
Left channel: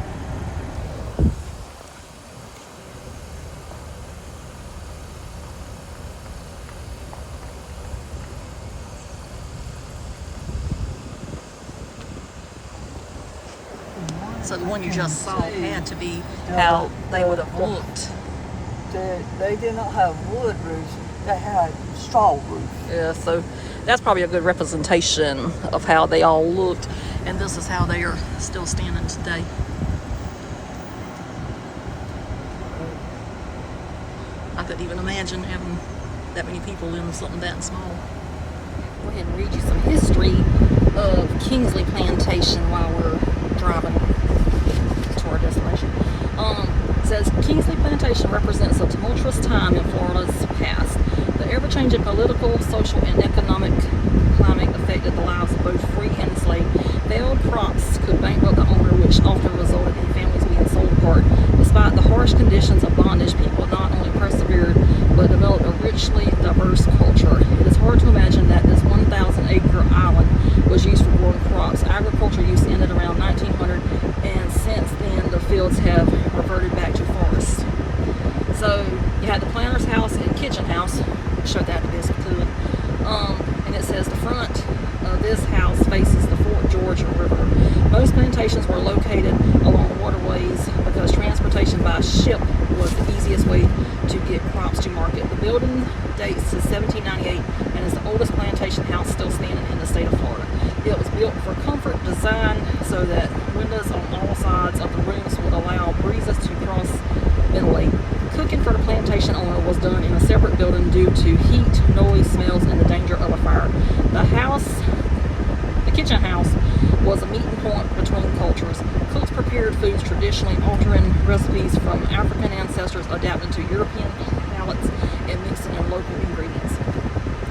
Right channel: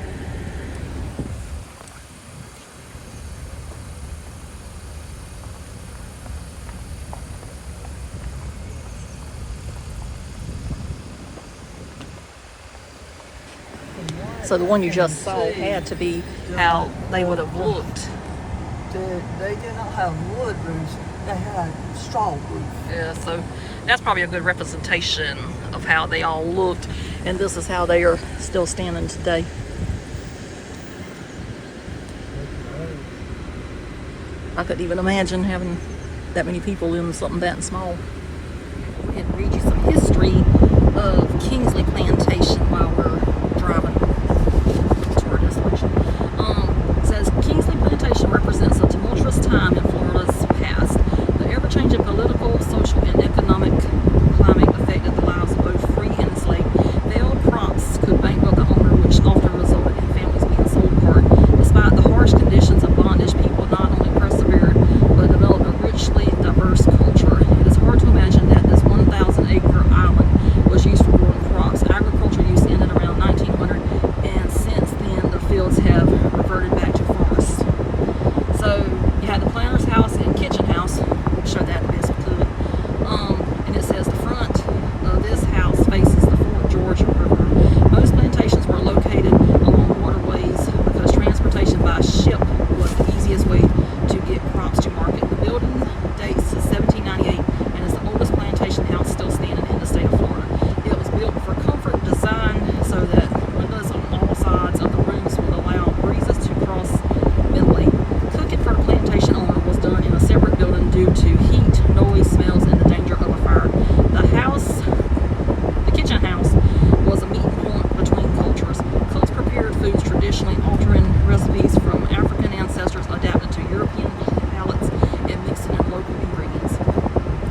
So the one you just saw had to be how they would have looked. They did not have wood roofs, they had straw roofs. Yeah, so that's probably a good representation of how they all looked, and this is how they are still standing today. I couldn't even imagine having that many people in something that small. Go ahead and read you some history of Kingsley Plantation while we're driving to our destination. It says Kingsley Plantation represents a tumultuous time in Florida's past. The ever-changing political, social, and economic climate affected the lives of both free and enslaved. Failed crops could bankrupt the owner, which often resulted in families being sold apart. Despite the harsh conditions of bondage, people not only persevered but developed a richly diverse culture. It is hard to imagine that this 1,000-acre island was used for growing crops. Agriculture use ended around 1900, and since then the fields have reverted back to forests. So you had the planter's house and kitchen house. Show that to this clearly. And it says the front of this house faces the Fort George River. Most plantations were located along waterways because transportation by ship was the easiest way to get crops to market. The building dates to 1798 and is the oldest plantation house still standing in the state of Florida. It was built for comfort design so that windows on all sides of the rooms would allow breezes to cross ventilate. Cooking for the plantation owner was done in a separate building due to heat, noise, smells, and the danger of a fire. The kitchen house, was a meeting point between cultures. Cooks prepared foods traditionally, altering recipes from African ancestors, adapting to European palates, and mixing in local ingredients.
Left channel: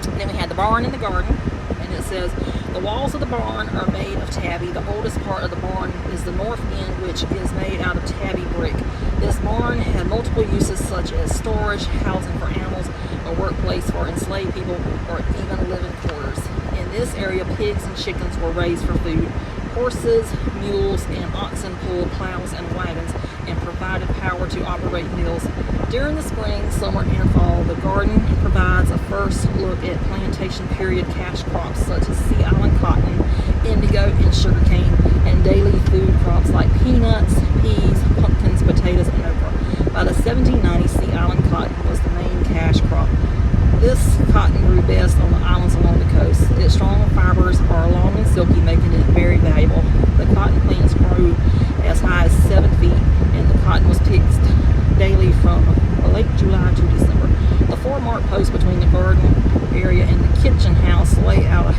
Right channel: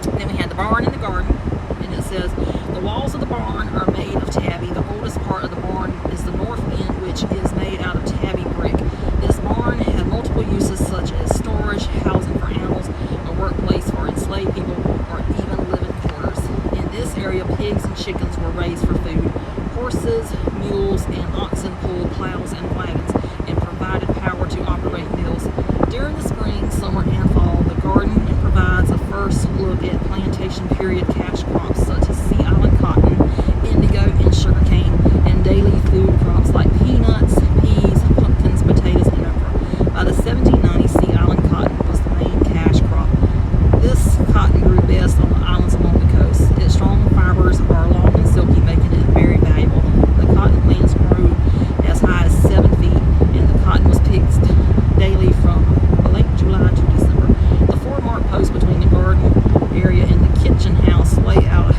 Then we had the barn and the garden, and it says the walls of the barn are made of tabby. The oldest part of the barn is the north end, which is made out of tabby brick. This barn had multiple uses such as storage, housing for animals, a workplace for enslaved people, or even living quarters. In this area, pigs and chickens were raised for food. Horses, mules, and oxen pulled plows and wagons and provided power to operate mills. During the spring, summer, and fall, the garden provides a first look at plantation period cash crops such as Sea Island cotton, indigo, and sugarcane, and daily food crops like peanuts, peas, pumpkins, potatoes, and okra. By the 1790s, Sea Island cotton was the main cash crop. This cotton grew best on the islands along the coast. Its strong fibers are long and silky, making it very valuable. The cotton plants grew as high as 7 feet, and the cotton was picked daily from late July to December. The 4-mark post between the garden area and the kitchen house lay out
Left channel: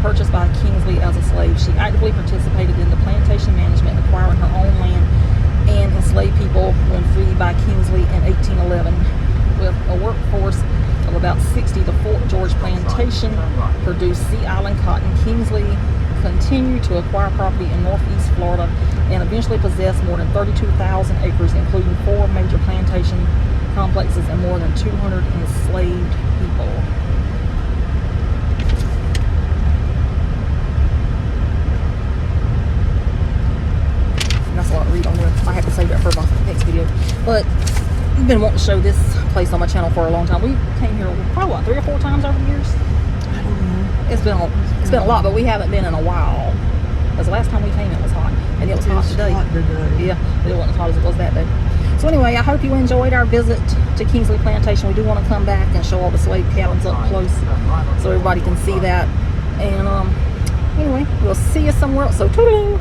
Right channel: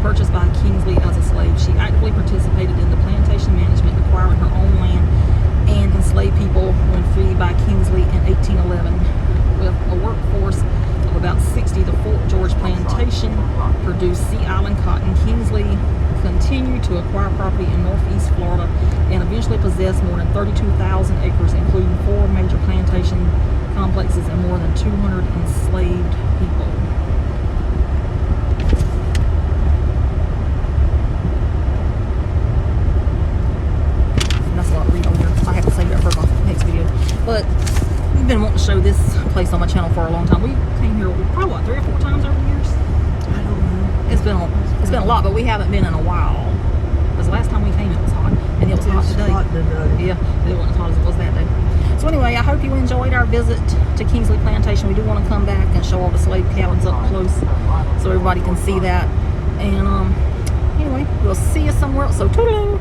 purchased by Kingsley as a slave. She actively participated in the plantation management, acquiring her own land and enslaved people when freed by Kingsley in 1811. With a workforce of about 60, the Fort George Plantation produced Sea Island cotton. Kingsley continued to acquire property in northeast Florida and eventually possessed more than 32,000 acres, including 4 major plantation complexes and more than 200 enslaved people. And that's a lot to read on there. I have to save that for my next video. But I've been wanting to show this place on my channel for a long time. We came here probably what, 3 or 4 times over the years. I don't know. It's been a lot, but we haven't been in a while. Because the last time we came, it was hot, and it was hot today. Yeah, it wasn't as hot as it was that day. So anyway, I hope you enjoyed our visit to Kingsley Plantation. We do want to come back and show all the slave cabins up close, so everybody can see that. And anyway, we'll see you somewhere else. So toodaloo,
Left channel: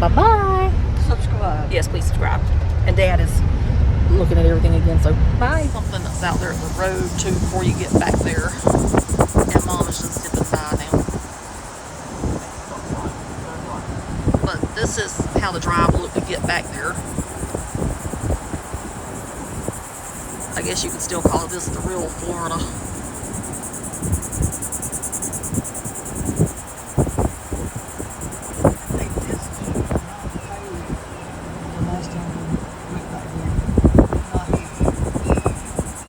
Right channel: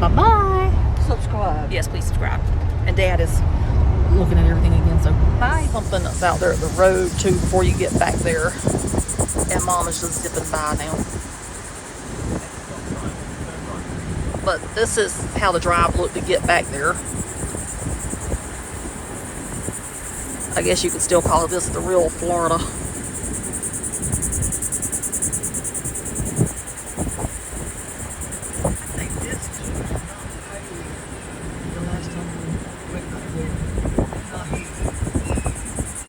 bye bye. Subscribe. Yes, please subscribe. And Dad is looking at everything again. So bye. Something that's out there at the road too before you get back there. And Mom is just zipping by now. But this is how the drive looked to get back there. I guess you could still call this the real Florida.